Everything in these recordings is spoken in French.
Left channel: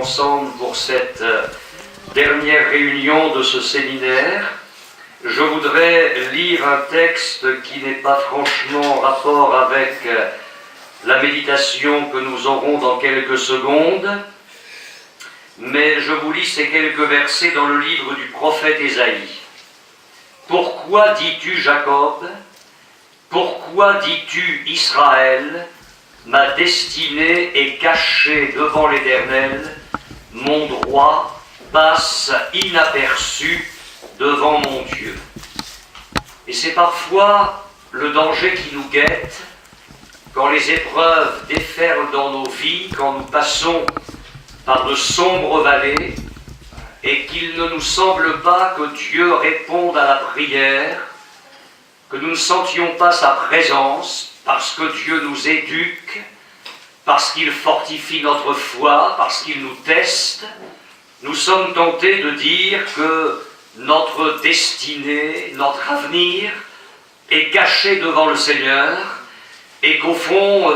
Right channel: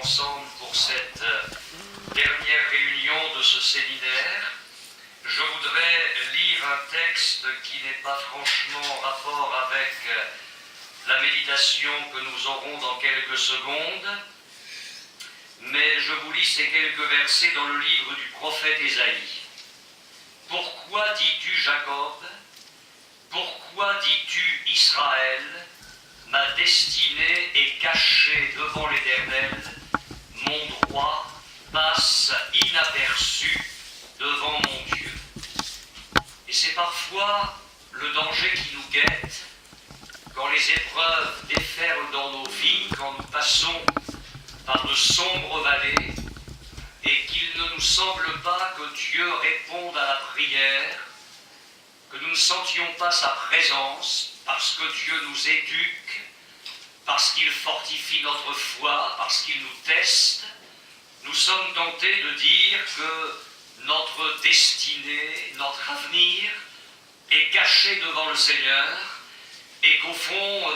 ensemble pour cette dernière réunion de ce séminaire. Je voudrais lire un texte qui n'est pas franchement en rapport avec la méditation que nous aurons dans quelques secondes, mais je vous lis ces quelques versets dans le livre du prophète Ésaïe. Pourquoi dis-tu Jacob? Pourquoi dis-tu Israël? Ma destinée est cachée devant l'Éternel, mon droit passe inaperçu devant mon Dieu. Et c'est parfois le danger qui nous guette, quand les épreuves déferlent dans nos vies, quand nous passons par de sombres vallées, et qu'il ne nous semble pas que Dieu réponde à la prière, que nous ne sentions pas sa présence, parce que Dieu nous éduque, parce qu'il fortifie notre foi, parce qu'il nous teste. Nous sommes tentés de dire que notre destinée, notre avenir est caché devant le Seigneur et qu'au fond,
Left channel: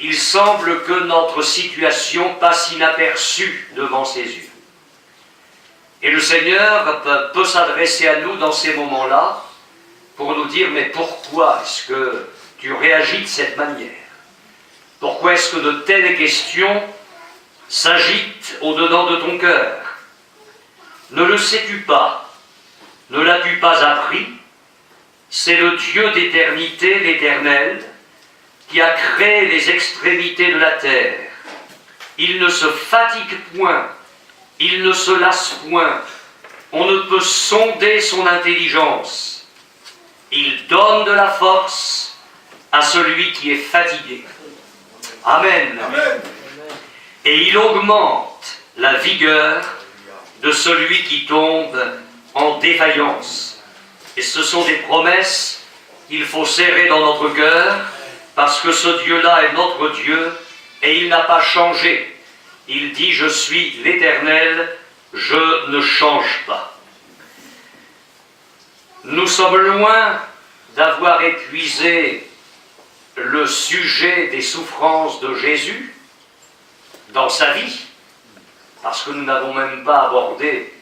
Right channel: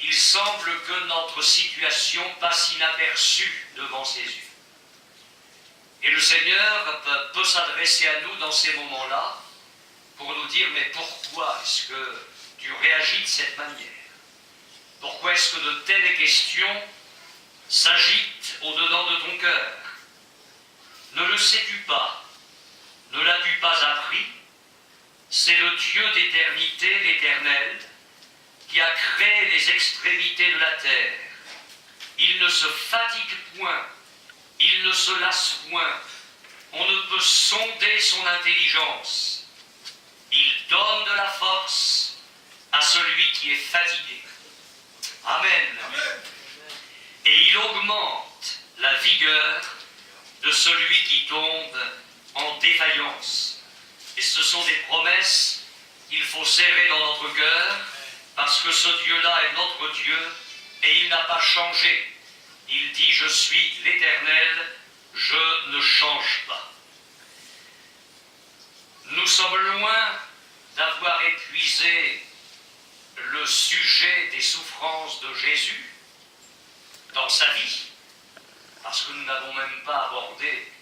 il semble que notre situation passe inaperçue devant ses yeux. Et le Seigneur peut s'adresser à nous dans ces moments-là pour nous dire, mais pourquoi est-ce que tu réagis de cette manière? Pourquoi est-ce que de telles questions s'agitent au-dedans de ton cœur? Ne le sais-tu pas? Ne l'as-tu pas appris? C'est le Dieu d'éternité, l'Éternel, qui a créé les extrémités de la terre. Il ne se fatigue point, il ne se lasse point. On ne peut sonder son intelligence. Il donne de la force à celui qui est fatigué. Amen. Amen. Et il augmente la vigueur de celui qui tombe en défaillance. Et ce sont des promesses qu'il faut serrer dans notre cœur, parce que ce Dieu-là est notre Dieu, et il n'a pas changé. Il dit, je suis l'Éternel, je ne change pas. Nous sommes loin d'avoir épuisé le sujet des souffrances de Jésus dans sa vie, parce que nous n'avons même pas abordé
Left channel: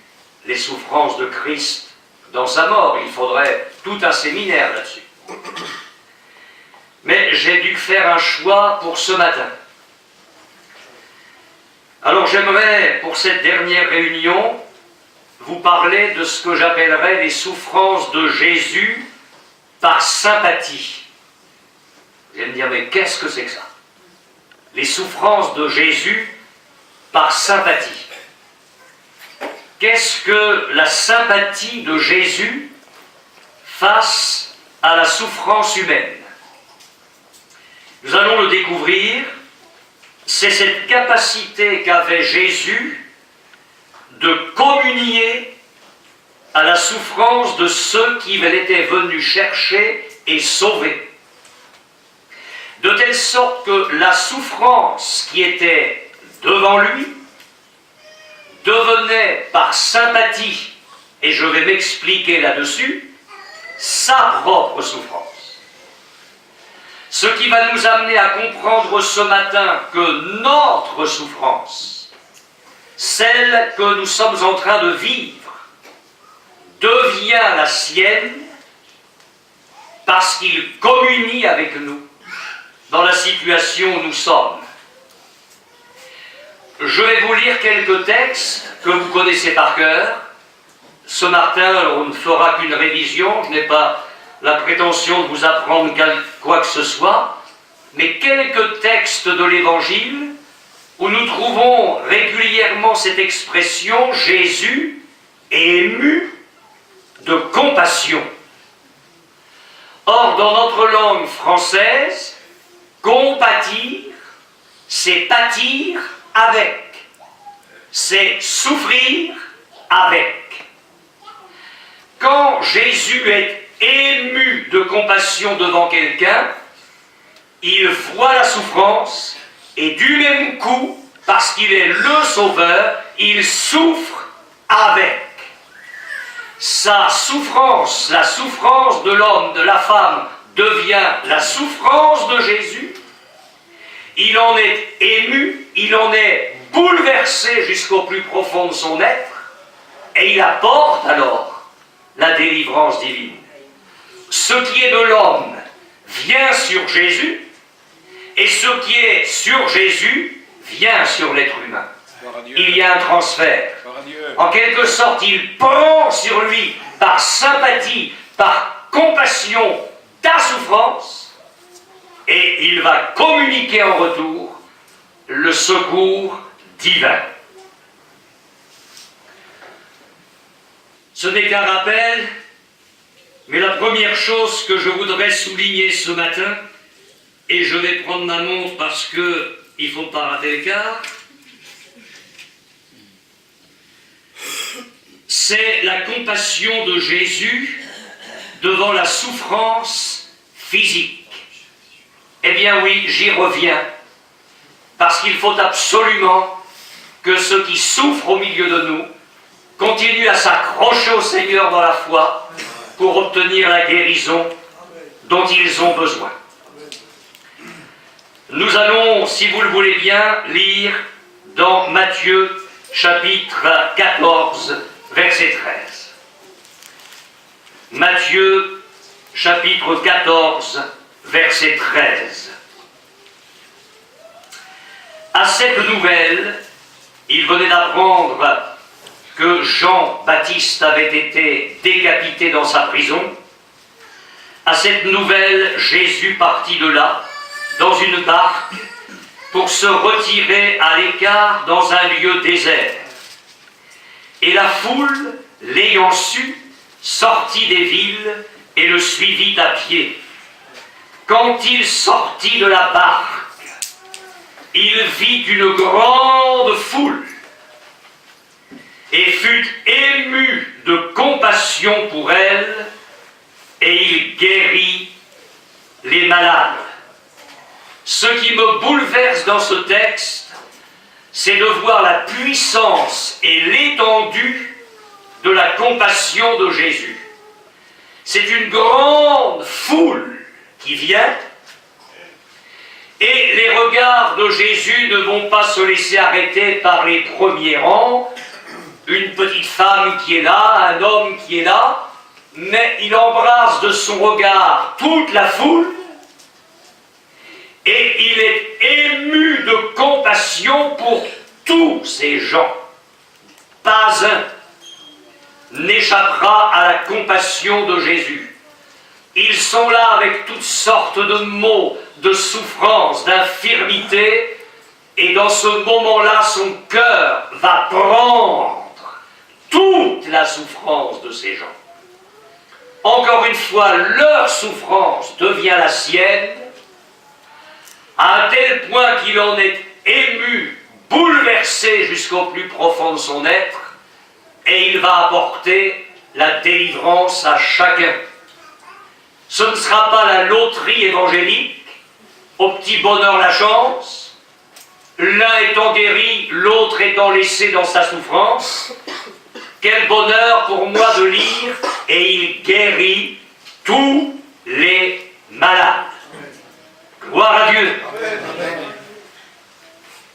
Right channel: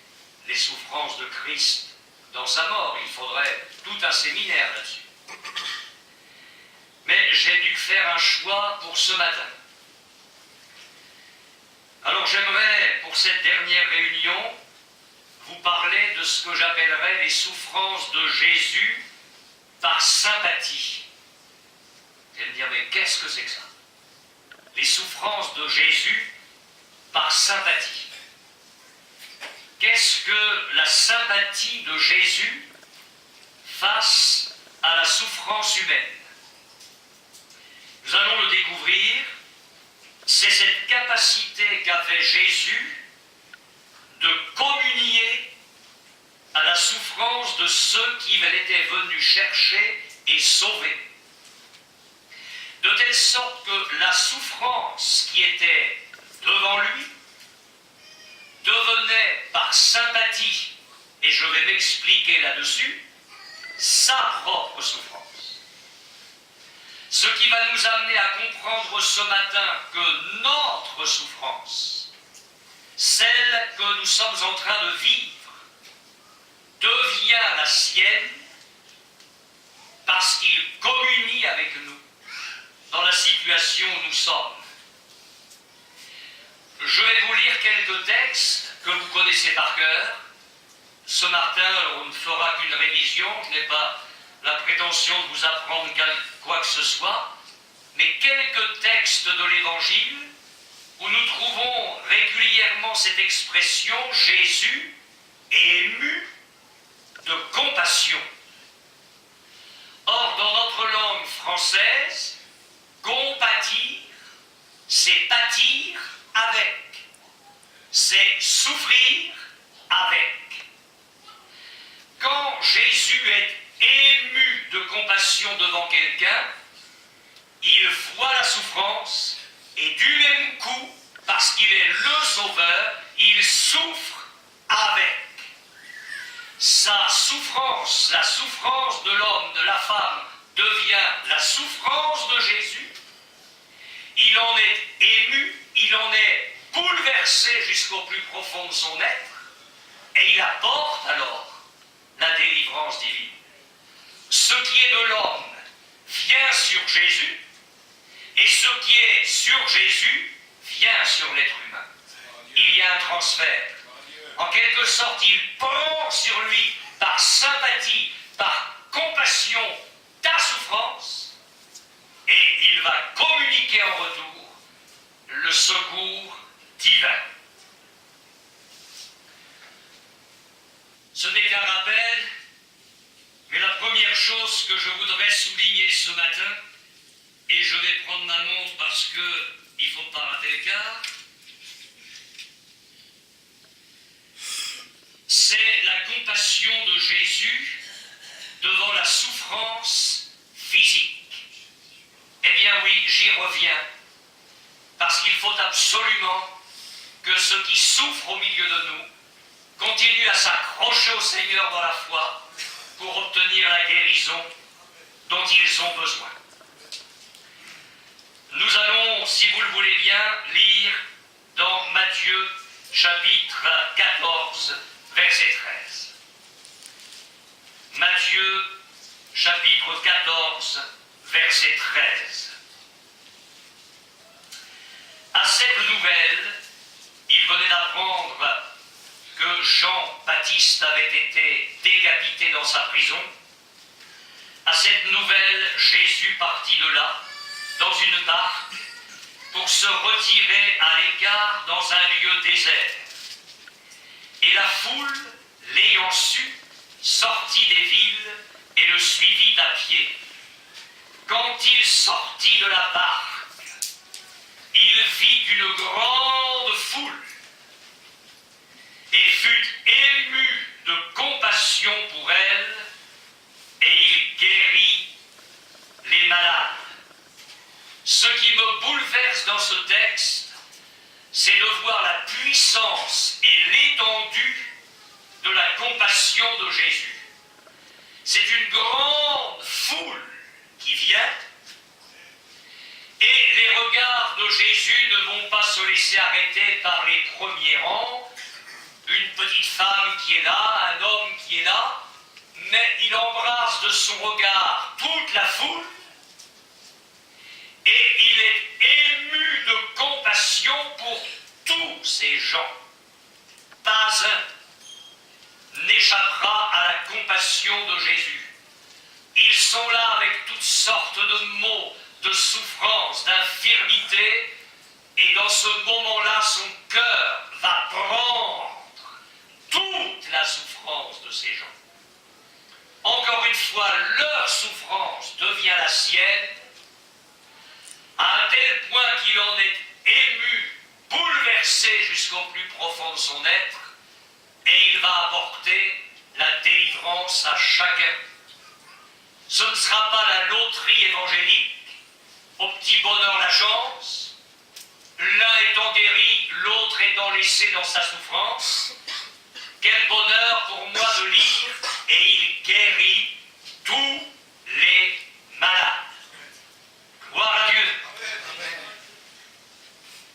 les souffrances de Christ dans sa mort. Il faudrait tout un séminaire là-dessus. Mais j'ai dû faire un choix pour ce matin. Alors j'aimerais, pour cette dernière réunion, vous parler de ce que j'appellerais les souffrances de Jésus par sympathie. Vous allez me dire, mais qu'est-ce que c'est que ça? Les souffrances de Jésus par sympathie. Qu'est-ce que la sympathie de Jésus face à la souffrance humaine? Nous allons le découvrir. C'est cette capacité qu'avait Jésus de communier à la souffrance de ceux qu'il était venu chercher et sauver. De telle sorte que la souffrance qui était devant lui devenait par sympathie, et je vais m'expliquer là-dessus, sa propre souffrance. Ce qui va nous amener à comprendre ce matin que notre souffrance, celle que nous sommes en train de vivre, devient la sienne parce qu'il communie avec nous dans la situation où nous sommes. Je vais vous lire quelques textes que vous connaissez par cœur. Ce matin, on ne fera qu'une révision, je n'ai pas la prétention de vous apprendre quoi que ce soit, mais quelques textes de l'Évangile où nous trouvons régulièrement cette expression « Jésus est ému de compassion ». Or, dans notre langue française, compatir, c'est pâtir avec, c'est souffrir avec. Quand Jésus est ému de compassion devant quelqu'un, il voit la souffrance et du même coup, parce qu'il est le Sauveur, il souffre avec. Sa souffrance, la souffrance de l'homme, de la femme, devient la souffrance de Jésus. Il en est ému, il en est bouleversé. bouleversé jusqu'au plus profond de son être, et il apporte alors la délivrance divine. Ce qui est de l'homme vient sur Jésus, et ce qui est sur Jésus vient sur l'être humain. Il y a un transfert. En quelque sorte, il prend sur lui, par sympathie, par compassion, ta souffrance, et il va communiquer en retour le secours divin. Ce n'est qu'un rappel, mais la première chose que je voudrais souligner ce matin, et je vais prendre ma montre parce qu'il ne faut pas rater le quart, c'est la compassion de Jésus devant la souffrance physique. Eh bien oui, j'y reviens, parce qu'il faut absolument que ceux qui souffrent au milieu de nous continuent à s'accrocher au Seigneur dans la foi pour obtenir la guérison dont ils ont besoin. Nous allons, si vous le voulez bien, lire dans Matthieu chapitre 14, verset 13. Matthieu chapitre 14, verset 13. À cette nouvelle, il venait d'apprendre que Jean-Baptiste avait été décapité dans sa prison. À cette nouvelle, Jésus partit de là, dans une barque, pour se retirer à l'écart dans un lieu désert. Et la foule, l'ayant su, sortit des villes et le suivit à pied. Quand il sortit de la barque, il vit une grande foule et fut ému de compassion pour elle, et il guérit les malades. Ce qui me bouleverse dans ce texte, c'est de voir la puissance et l'étendue de la compassion de Jésus. C'est une grande foule qui vient, et les regards de Jésus ne vont pas se laisser arrêter par les premiers rangs, une petite femme qui est là, un homme qui est là, mais il embrasse de son regard toute la foule, et il est ému de compassion pour tous ces gens. Pas un n'échappera à la compassion de Jésus. Ils sont là avec toutes sortes de maux, de souffrances, d'infirmités, et dans ce moment-là, son cœur va prendre toute la souffrance de ces gens. Encore une fois, leur souffrance devient la sienne, à un tel point qu'il en est ému, bouleversé jusqu'au plus profond de son être, et il va apporter la délivrance à chacun. Ce ne sera pas la loterie évangélique, au petit bonheur la chance, l'un étant guéri, l'autre étant laissé dans sa souffrance. Quel bonheur pour moi de lire, et il guérit tous les malades. Gloire à Dieu. Amen.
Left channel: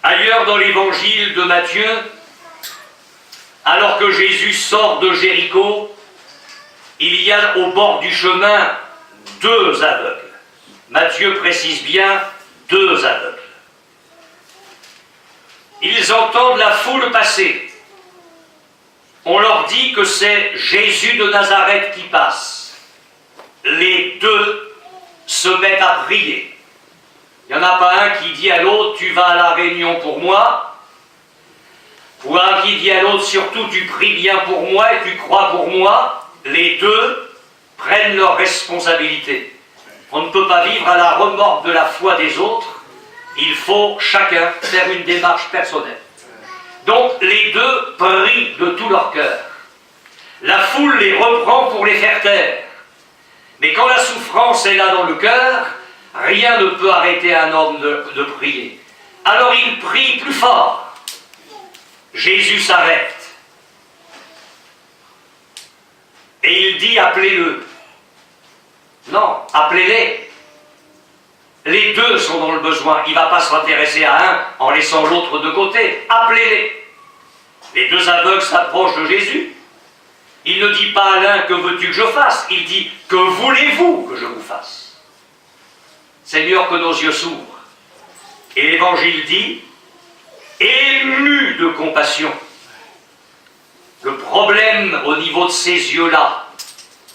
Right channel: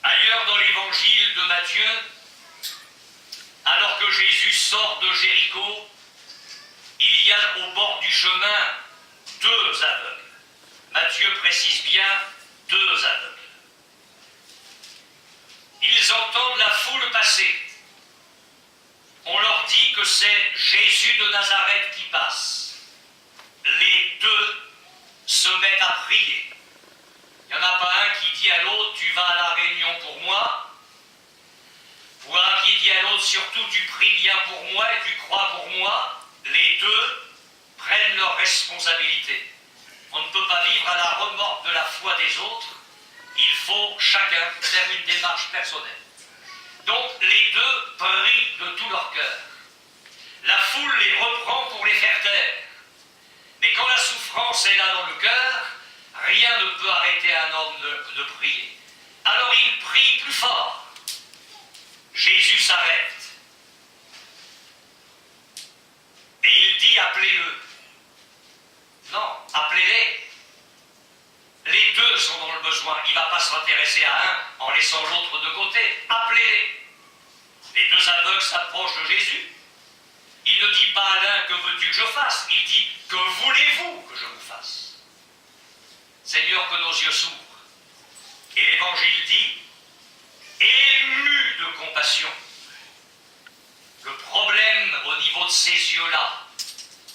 Ailleurs dans l'évangile de Matthieu, alors que Jésus sort de Jéricho, il y a au bord du chemin 2 aveugles. Matthieu précise bien 2 aveugles. Ils entendent la foule passer. On leur dit que c'est Jésus de Nazareth qui passe. Les 2 se mettent à prier. Il n'y en a pas un qui dit à l'autre, tu vas à la réunion pour moi, ou un qui dit à l'autre, surtout tu pries bien pour moi et tu crois pour moi. Les 2 prennent leurs responsabilités. On ne peut pas vivre à la remorque de la foi des autres, il faut chacun faire une démarche personnelle. Donc les 2 prient de tout leur cœur. La foule les reprend pour les faire taire. Mais quand la souffrance est là dans le cœur, rien ne peut arrêter un homme de prier. Alors il prie plus fort. Jésus s'arrête. Et il dit, appelez-le. Non, appelez-les. Les 2 sont dans le besoin. Il ne va pas s'intéresser à un en laissant l'autre de côté. Appelez-les. Les deux aveugles s'approchent de Jésus. Il ne dit pas à l'un, que veux-tu que je fasse? Il dit, que voulez-vous que je vous fasse? Seigneur, que nos yeux s'ouvrent. Et l'Évangile dit, ému de compassion. Le problème au niveau de ces yeux-là,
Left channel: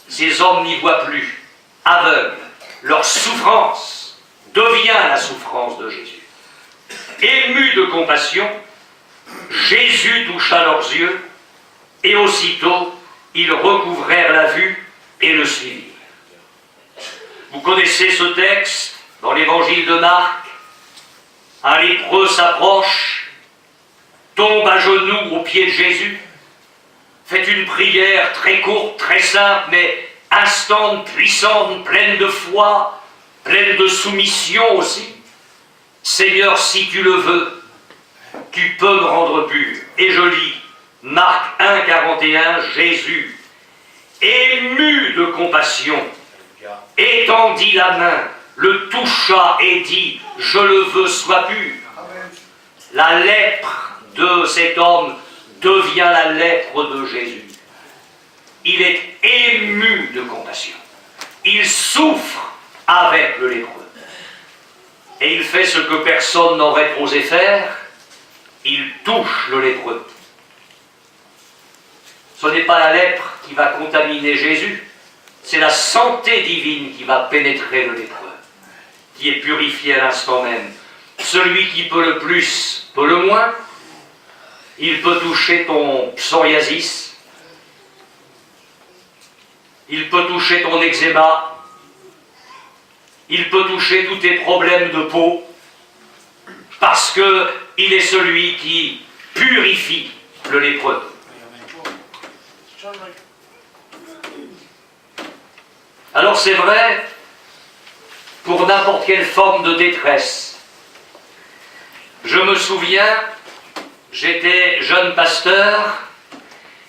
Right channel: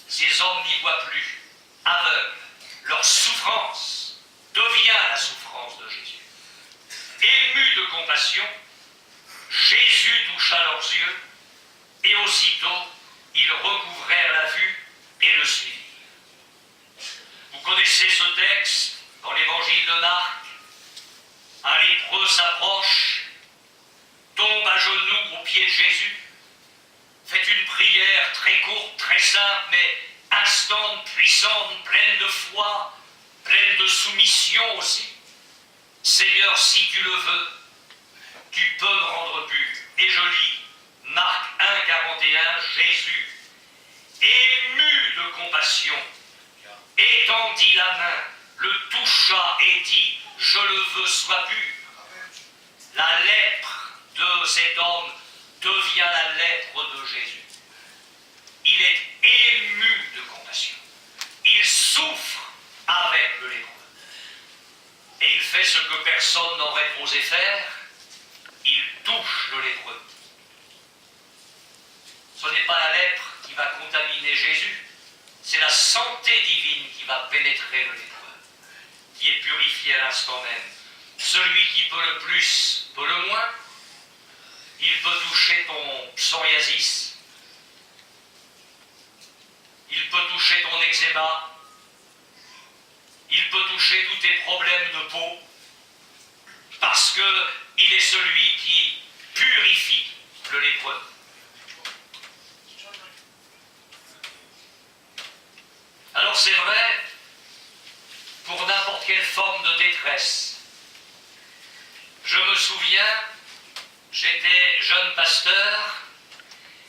ces hommes n'y voient plus, aveugles. Leur souffrance devient la souffrance de Jésus. Ému de compassion, Jésus toucha leurs yeux, et aussitôt, ils recouvrèrent la vue et le suivirent. Vous connaissez ce texte dans l'évangile de Marc. Un lépreux s'approche, tombe à genoux aux pieds de Jésus, fait une prière très courte, très simple, mais instante, puissante, pleine de foi, pleine de soumission aussi. Seigneur, si tu le veux, tu peux me rendre pur. Et je lis Marc 1, 41, Jésus, ému de compassion, étendit la main, le toucha et dit, je le veux, sois pur. La lèpre de cet homme devient la lèpre de Jésus. Il est ému de compassion. Il souffre avec le lépreux. Et il fait ce que personne n'aurait osé faire, il touche le lépreux. Ce n'est pas la lèpre qui va contaminer Jésus, c'est la santé divine qui va pénétrer le lépreux, qui est purifié à l'instant même. Celui qui peut le plus peut le moins. Il peut toucher ton psoriasis, il peut toucher ton eczéma, il peut toucher tous tes problèmes de peau, parce qu'il est celui qui purifie le lépreux. Alors c'est vrai, pour n'importe quelle forme de détresse. Je me souviens, j'étais jeune pasteur,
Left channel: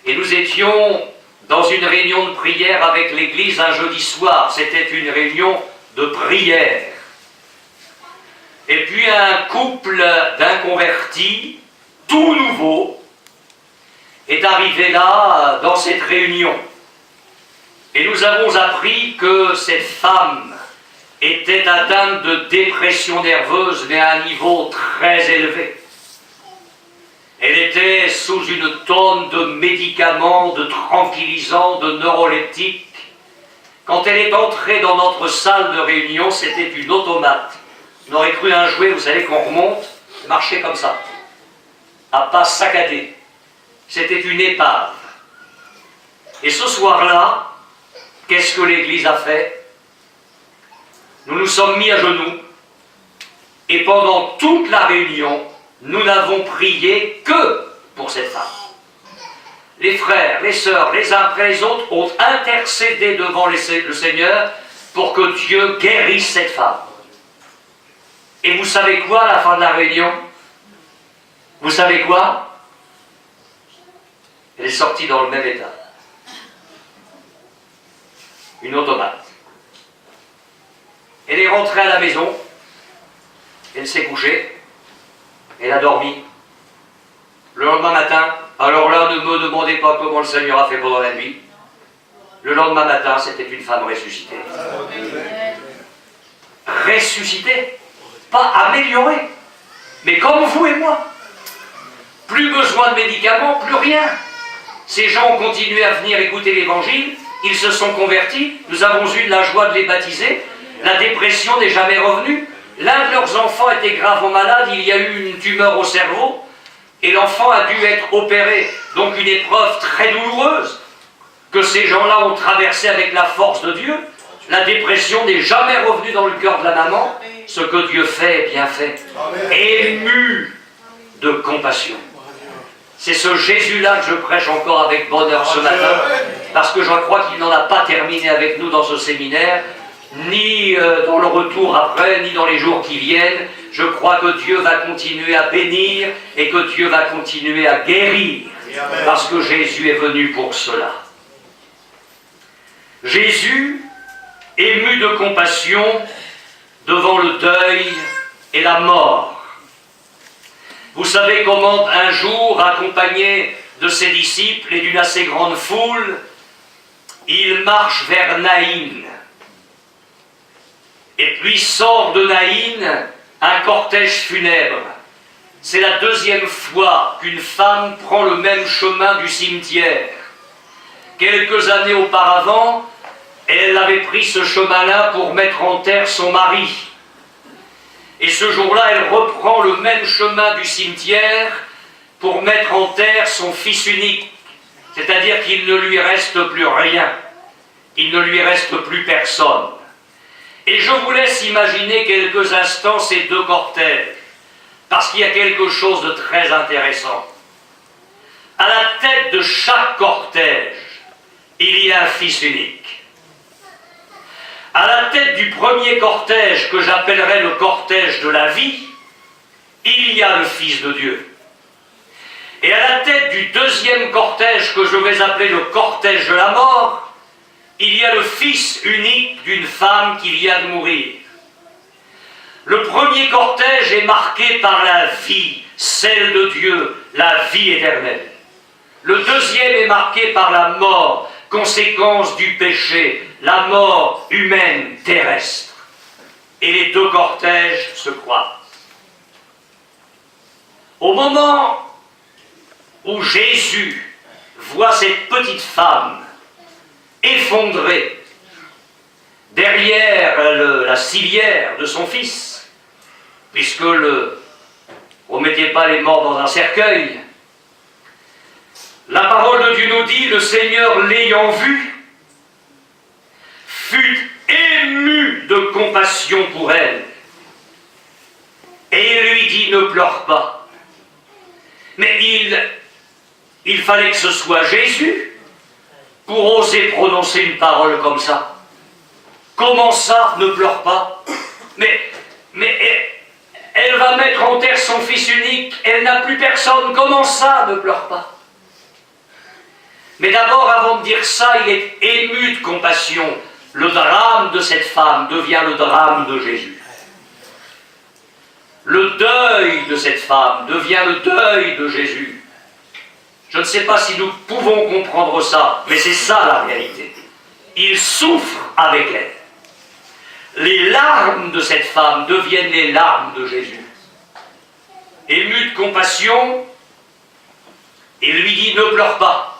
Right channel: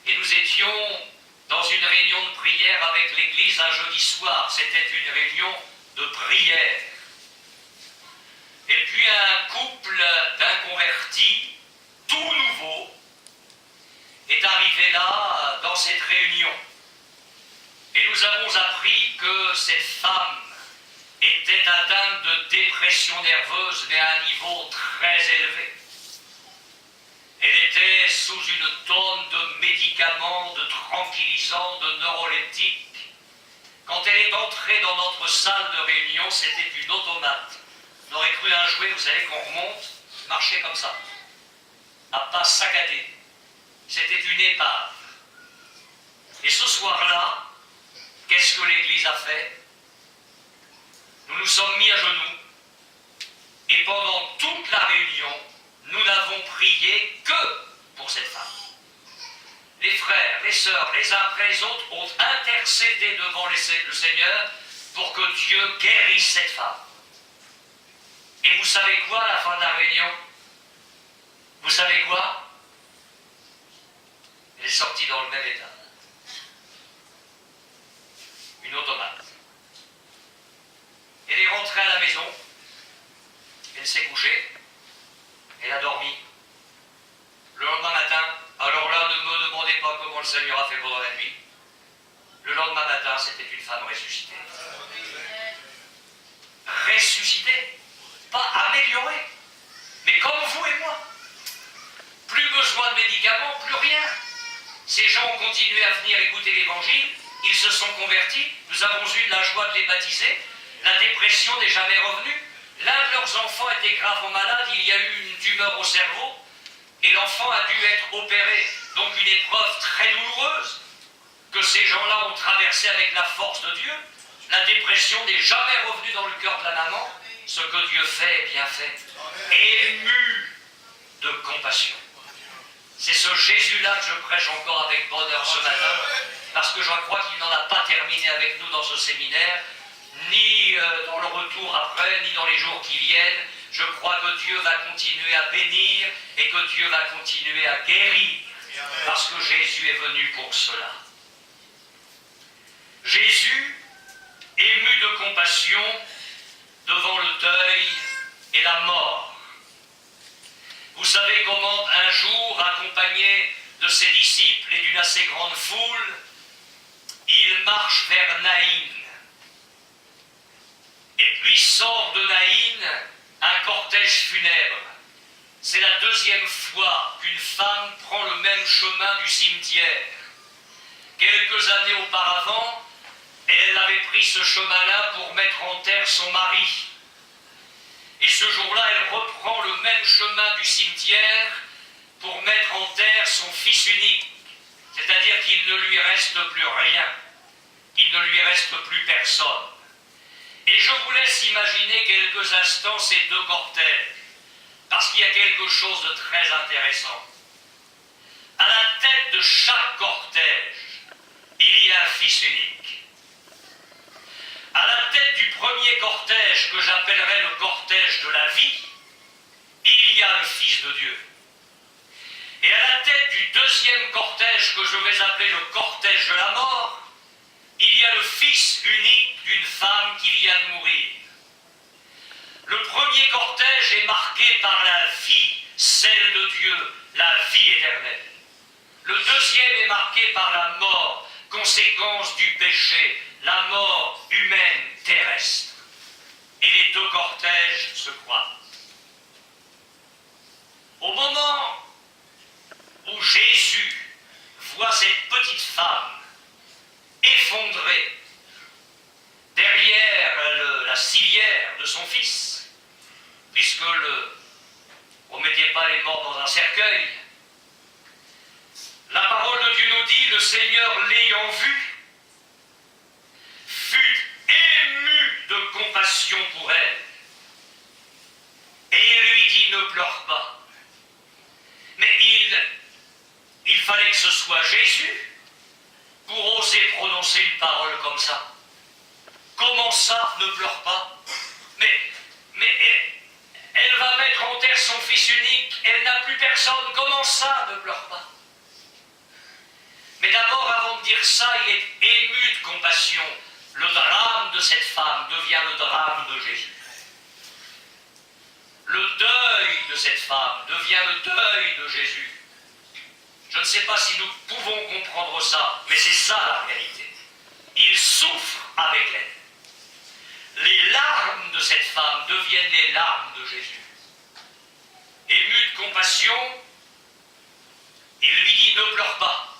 et nous étions dans une réunion de prière avec l'église un jeudi soir. C'était une réunion de prière. Et puis un couple d'inconvertis, tout nouveau, est arrivé là, dans cette réunion. Et nous avons appris que cette femme était atteinte de dépression nerveuse, mais à un niveau très élevé. Elle était sous une tonne de médicaments, de tranquillisants, de neuroleptiques. Quand elle est entrée dans notre salle de réunion, c'était une automate. On aurait cru un jouet, vous savez, qu'on remonte, marchait comme ça, à pas saccadé. C'était une épave. Et ce soir-là, qu'est-ce que l'Église a fait? Nous nous sommes mis à genoux, et pendant toute la réunion, nous n'avons prié que pour cette femme. Les frères, les sœurs, les uns après les autres ont intercédé devant le Seigneur pour que Dieu guérisse cette femme. Et vous savez quoi à la fin de la réunion? Vous savez quoi? Elle est sortie dans le même état. Une automate. Elle est rentrée à la maison, elle s'est couchée, elle a dormi. Le lendemain matin, alors là, ne me demandez pas comment le Seigneur a fait pendant la nuit. Le lendemain matin, c'était une femme ressuscitée. Ressuscitée, pas améliorée, mais comme vous et moi. Plus besoin de médicaments, plus rien. Ces gens ont continué à venir écouter l'Évangile, ils se sont convertis, nous avons eu la joie de les baptiser, la dépression n'est jamais revenue. L'un de leurs enfants était gravement malade, il y a eu une tumeur au cerveau, et l'enfant a dû être opéré. Donc une épreuve très douloureuse que ces gens-là ont traversée avec la force de Dieu. La dépression n'est jamais revenue dans le cœur de la maman. Ce que Dieu fait est bien fait. Ému de compassion. C'est ce Jésus-là que je prêche encore avec bonheur ce matin, parce que je crois qu'il n'en a pas terminé avec nous dans ce séminaire, ni dans le retour après, ni dans les jours qui viennent. Je crois que Dieu va continuer à bénir et que Dieu va continuer à guérir, parce que Jésus est venu pour cela. Jésus, ému de compassion devant le deuil et la mort. Vous savez comment un jour, accompagné de ses disciples et d'une assez grande foule, il marche vers Naïn. Et puis sort de Naïn un cortège funèbre. C'est la deuxième fois qu'une femme prend le même chemin du cimetière. Quelques années auparavant, elle avait pris ce chemin-là pour mettre en terre son mari. Et ce jour-là, elle reprend le même chemin du cimetière pour mettre en terre son fils unique. C'est-à-dire qu'il ne lui reste plus rien. Il ne lui reste plus personne. Et je vous laisse imaginer quelques instants ces deux cortèges, parce qu'il y a quelque chose de très intéressant. À la tête de chaque cortège, il y a un fils unique. À la tête du premier cortège, que j'appellerais le cortège de la vie, il y a le Fils de Dieu. Et à la tête du deuxième cortège, que je vais appeler le cortège de la mort, il y a le Fils unique d'une femme qui vient de mourir. Le premier cortège est marqué par la vie, celle de Dieu, la vie éternelle. Le deuxième est marqué par la mort, conséquence du péché, la mort humaine terrestre. Et les deux cortèges se croisent. Au moment où Jésus voit cette petite femme effondrée derrière la civière de son fils, puisque on ne mettait pas les morts dans un cercueil, la parole de Dieu nous dit, le Seigneur l'ayant vue, fut ému de compassion pour elle. Et il lui dit, ne pleure pas. Mais il fallait que ce soit Jésus pour oser prononcer une parole comme ça. Comment ça, ne pleure pas? Mais elle va mettre en terre son fils unique, elle n'a plus personne, comment ça, ne pleure pas? Mais d'abord, avant de dire ça, il est ému de compassion. Le drame de cette femme devient le drame de Jésus. Le deuil de cette femme devient le deuil de Jésus. Je ne sais pas si nous pouvons comprendre ça, mais c'est ça la réalité. Il souffre avec elle. Les larmes de cette femme deviennent les larmes de Jésus. Ému de compassion, il lui dit, ne pleure pas.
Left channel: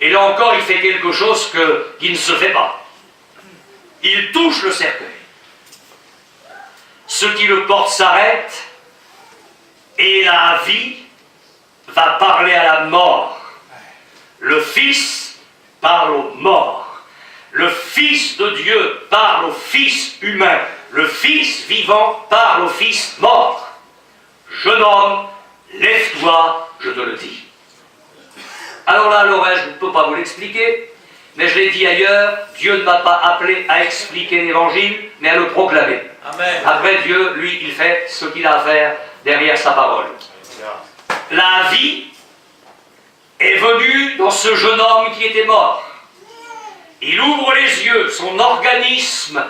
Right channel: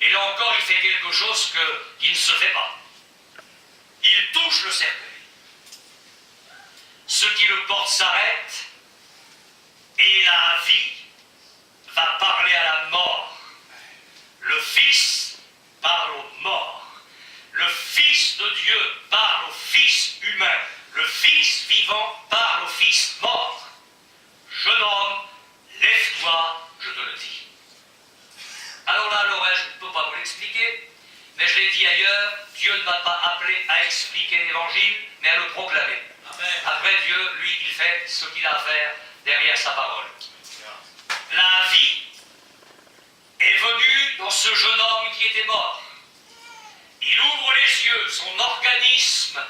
Et là encore, il fait quelque chose qui ne se fait pas. Il touche le cercueil. Ce qui le porte s'arrête, et la vie va parler à la mort. Le Fils parle aux morts. Le Fils de Dieu parle au Fils humain. Le Fils vivant parle au Fils mort. Jeune homme, lève-toi, je te le dis. Alors là, l'oreille, je ne peux pas vous l'expliquer, mais je l'ai dit ailleurs, Dieu ne m'a pas appelé à expliquer l'évangile, mais à le proclamer. Amen. Après, Dieu, lui, il fait ce qu'il a à faire derrière sa parole. La vie est venue dans ce jeune homme qui était mort. Il ouvre les yeux, son organisme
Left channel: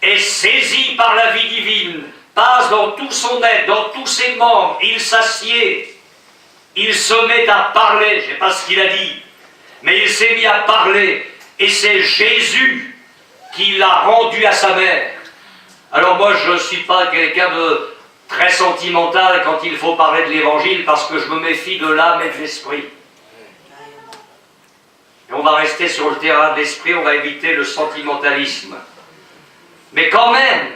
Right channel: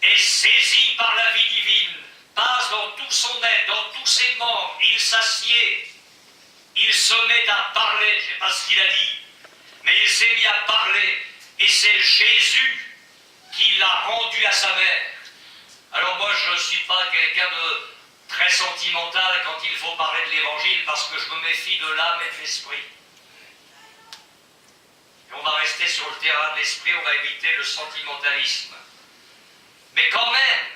est saisi par la vie divine, passe dans tout son être, dans tous ses membres, il s'assied. Il se met à parler, je ne sais pas ce qu'il a dit, mais il s'est mis à parler, et c'est Jésus qui l'a rendu à sa mère. Alors moi, je ne suis pas quelqu'un de très sentimental quand il faut parler de l'Évangile, parce que je me méfie de l'âme et de l'esprit. Et on va rester sur le terrain de l'esprit, on va éviter le sentimentalisme. Mais quand même,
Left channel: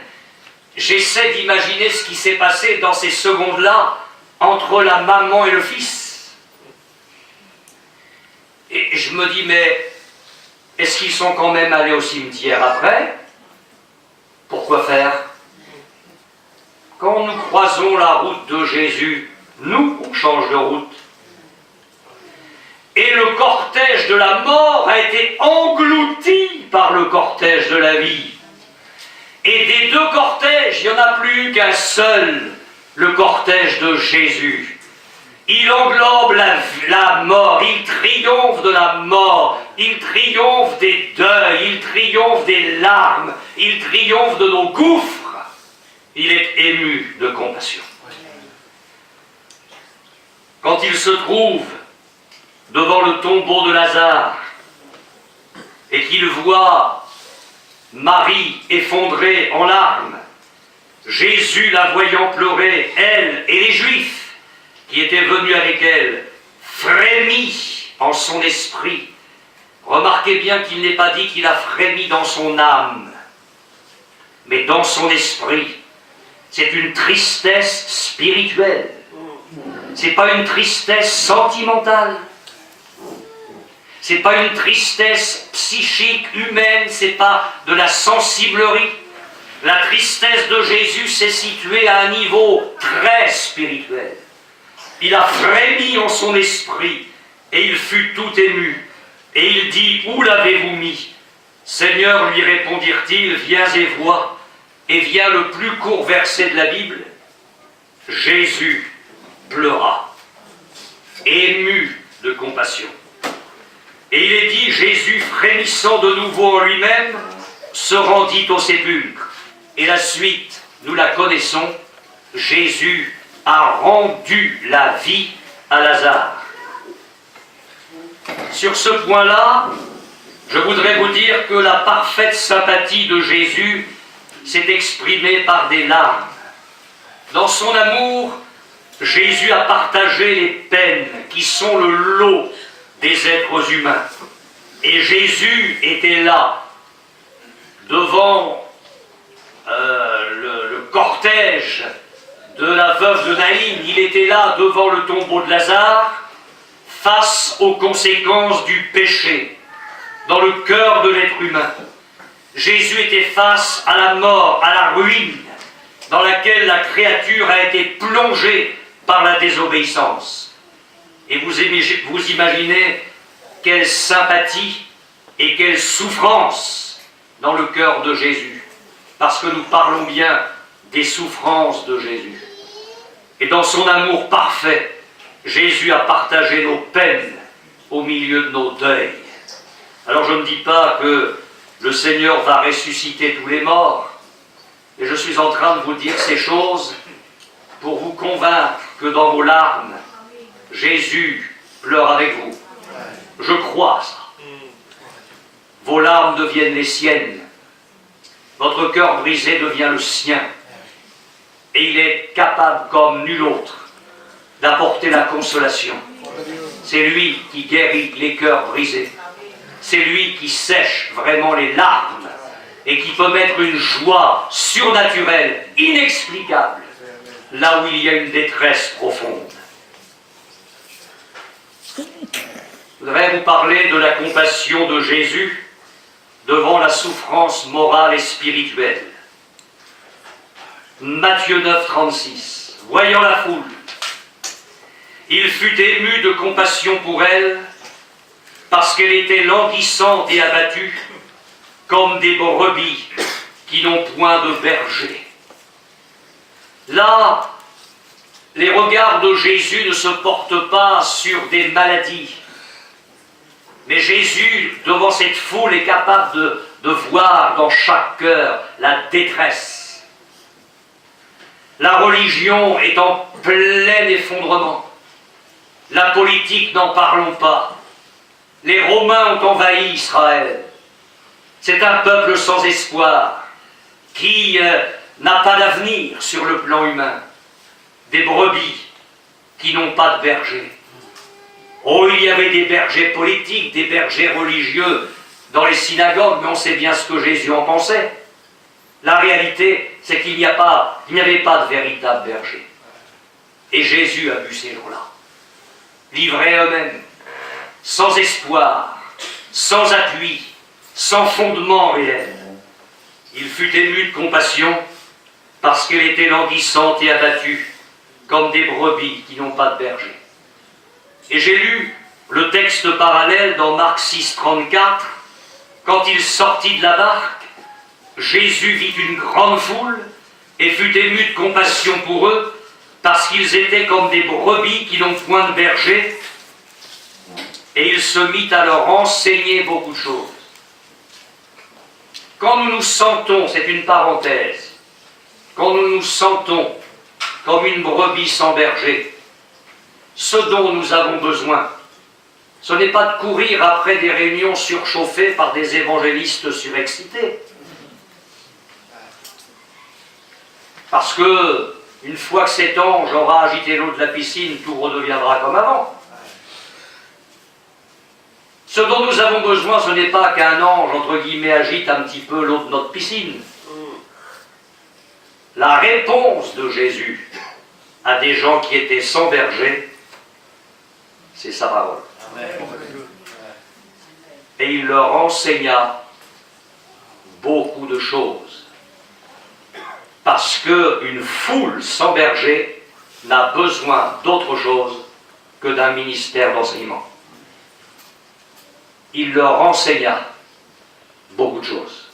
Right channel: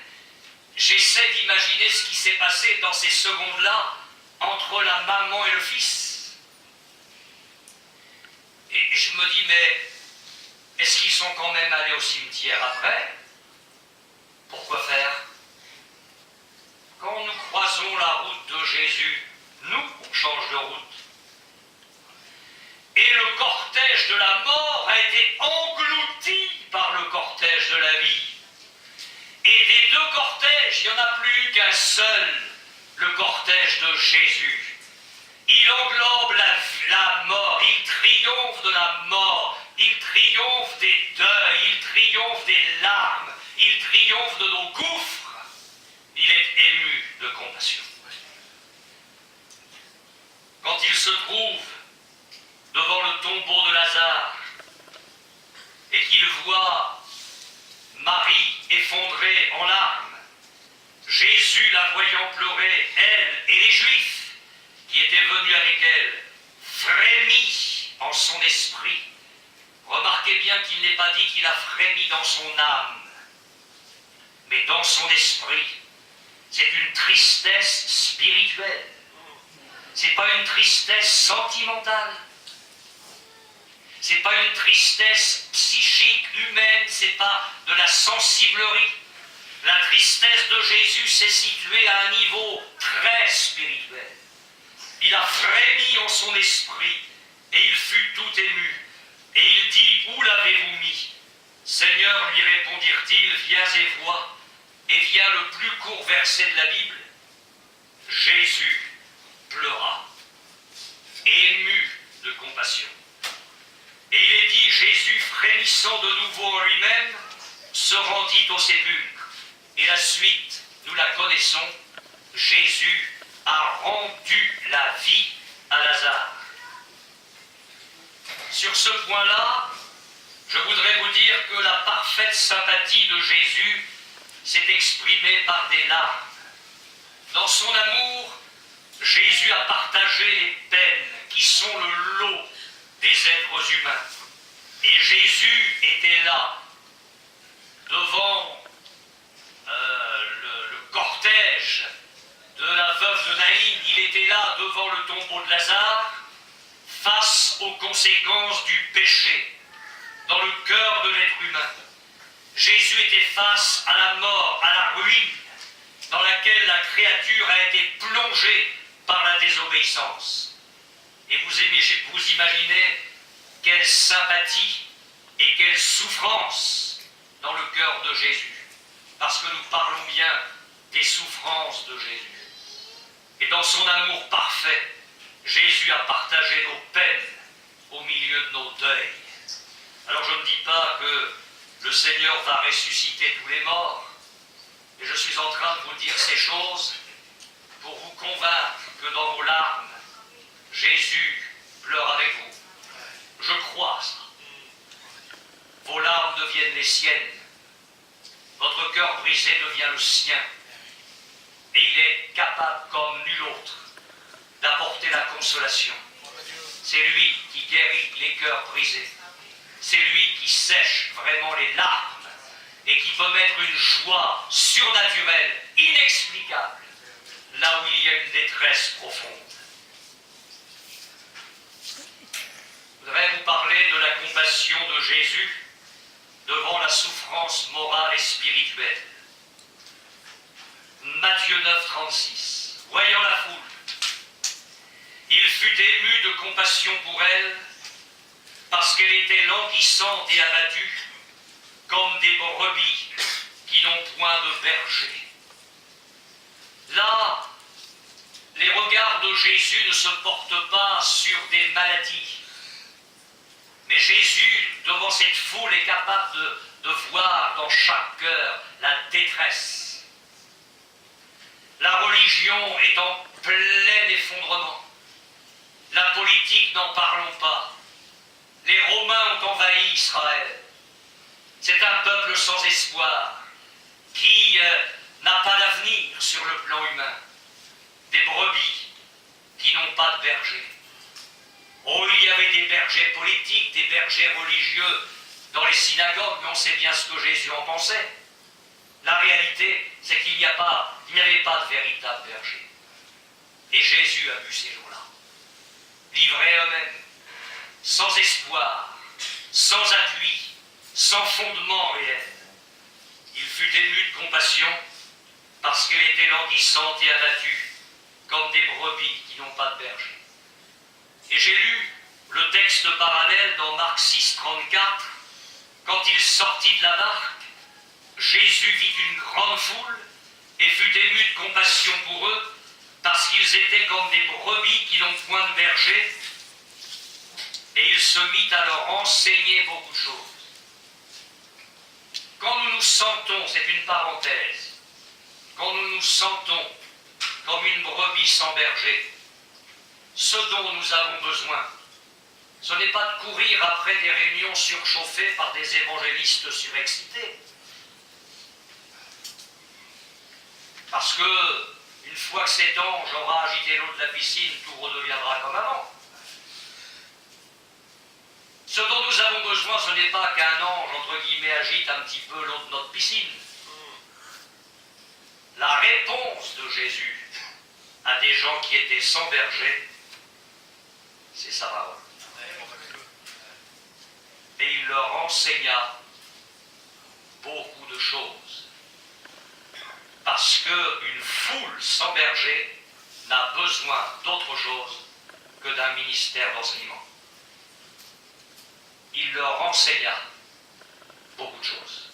j'essaie d'imaginer ce qui s'est passé dans ces secondes-là, entre la maman et le fils. Et je me dis, mais est-ce qu'ils sont quand même allés au cimetière après? Pourquoi faire? Quand nous croisons la route de Jésus, nous, on change de route. Et le cortège de la mort a été englouti par le cortège de la vie. Et des deux cortèges, il n'y en a plus qu'un seul, le cortège de Jésus. Il englobe la mort, il triomphe de la mort, il triomphe des deuils, il triomphe des larmes, il triomphe de nos gouffres. Il est ému de compassion. quand il se trouve devant le tombeau de Lazare et qu'il voit Marie effondrée en larmes, Jésus, la voyant pleurer, elle et les Juifs qui étaient venus avec elle, frémit en son esprit. Remarquez bien qu'il n'est pas dit qu'il a frémi dans son âme, mais dans son esprit. C'est une tristesse spirituelle. C'est pas une tristesse sentimentale. C'est pas une tristesse psychique, humaine, c'est pas de la sensiblerie. La tristesse de Jésus s'est située à un niveau très spirituel. Il a frémi en son esprit et il fut tout ému. Et il dit, où l'avez-vous mis? Seigneur, lui répondirent-ils, viens et vois. Et vient le plus court verset de la Bible. Jésus pleura, ému de compassion. Et il est dit, Jésus, frémissant de nouveau en lui-même, se rendit au sépulcre. Et la suite, nous la connaissons, Jésus a rendu la vie à Lazare. Sur ce point-là, je voudrais vous dire que la parfaite sympathie de Jésus s'est exprimée par des larmes. Dans son amour, Jésus a partagé les peines qui sont le lot des êtres humains. Et Jésus était là, devant le cortège de la veuve de Naïm. Il était là, devant le tombeau de Lazare, face aux conséquences du péché, dans le cœur de l'être humain. Jésus était face à la mort, à la ruine, dans laquelle la créature a été plongée par la désobéissance. Et vous imaginez quelle sympathie et quelle souffrance dans le cœur de Jésus, parce que nous parlons bien des souffrances de Jésus. Et dans son amour parfait, Jésus a partagé nos peines au milieu de nos deuils. Alors je ne dis pas que le Seigneur va ressusciter tous les morts, et je suis en train de vous dire ces choses pour vous convaincre que dans vos larmes, Jésus pleure avec vous. Je crois ça. Vos larmes deviennent les siennes. Votre cœur brisé devient le sien. Et il est capable, comme nul autre, d'apporter la consolation. C'est lui qui guérit les cœurs brisés. C'est lui qui sèche vraiment les larmes et qui peut mettre une joie surnaturelle, inexplicable, là où il y a une détresse profonde. Je voudrais vous parler de la compassion de Jésus devant la souffrance morale et spirituelle. Matthieu 9, 36. Voyant la foule, il fut ému de compassion pour elle, parce qu'elle était languissante et abattue, comme des brebis qui n'ont point de berger. Là, les regards de Jésus ne se portent pas sur des maladies, mais Jésus, devant cette foule, est capable de voir dans chaque cœur la détresse. La religion est en plein effondrement. La politique, n'en parlons pas. Les Romains ont envahi Israël. C'est un peuple sans espoir, qui n'a pas d'avenir sur le plan humain. Des brebis qui n'ont pas de berger. Oh, il y avait des bergers politiques, des bergers religieux dans les synagogues, mais on sait bien ce que Jésus en pensait. La réalité, c'est qu'il n'y avait pas de véritable berger. Et Jésus a vu ces gens-là, livrés à eux-mêmes, sans espoir, sans appui, sans fondement réel. Il fut ému de compassion parce qu'elle était languissante et abattue, comme des brebis qui n'ont pas de berger. Et j'ai lu le texte parallèle dans Marc 6, 34. Quand il sortit de la barque, Jésus vit une grande foule et fut ému de compassion pour eux, parce qu'ils étaient comme des brebis qui n'ont point de berger, et il se mit à leur enseigner beaucoup de choses. Quand nous nous sentons, c'est une parenthèse, quand nous nous sentons comme une brebis sans berger, Ce dont nous avons besoin, ce n'est pas de courir après des réunions surchauffées par des évangélistes surexcités. Parce que, une fois que cet ange aura agité l'eau de la piscine, tout redeviendra comme avant. Ce dont nous avons besoin, ce n'est pas qu'un ange, entre guillemets, agite un petit peu l'eau de notre piscine. La réponse de Jésus à des gens qui étaient sans berger, c'est sa parole. Et il leur enseigna beaucoup de choses. Parce qu'une foule sans berger n'a besoin d'autre chose que d'un ministère d'enseignement. Il leur enseigna beaucoup de choses.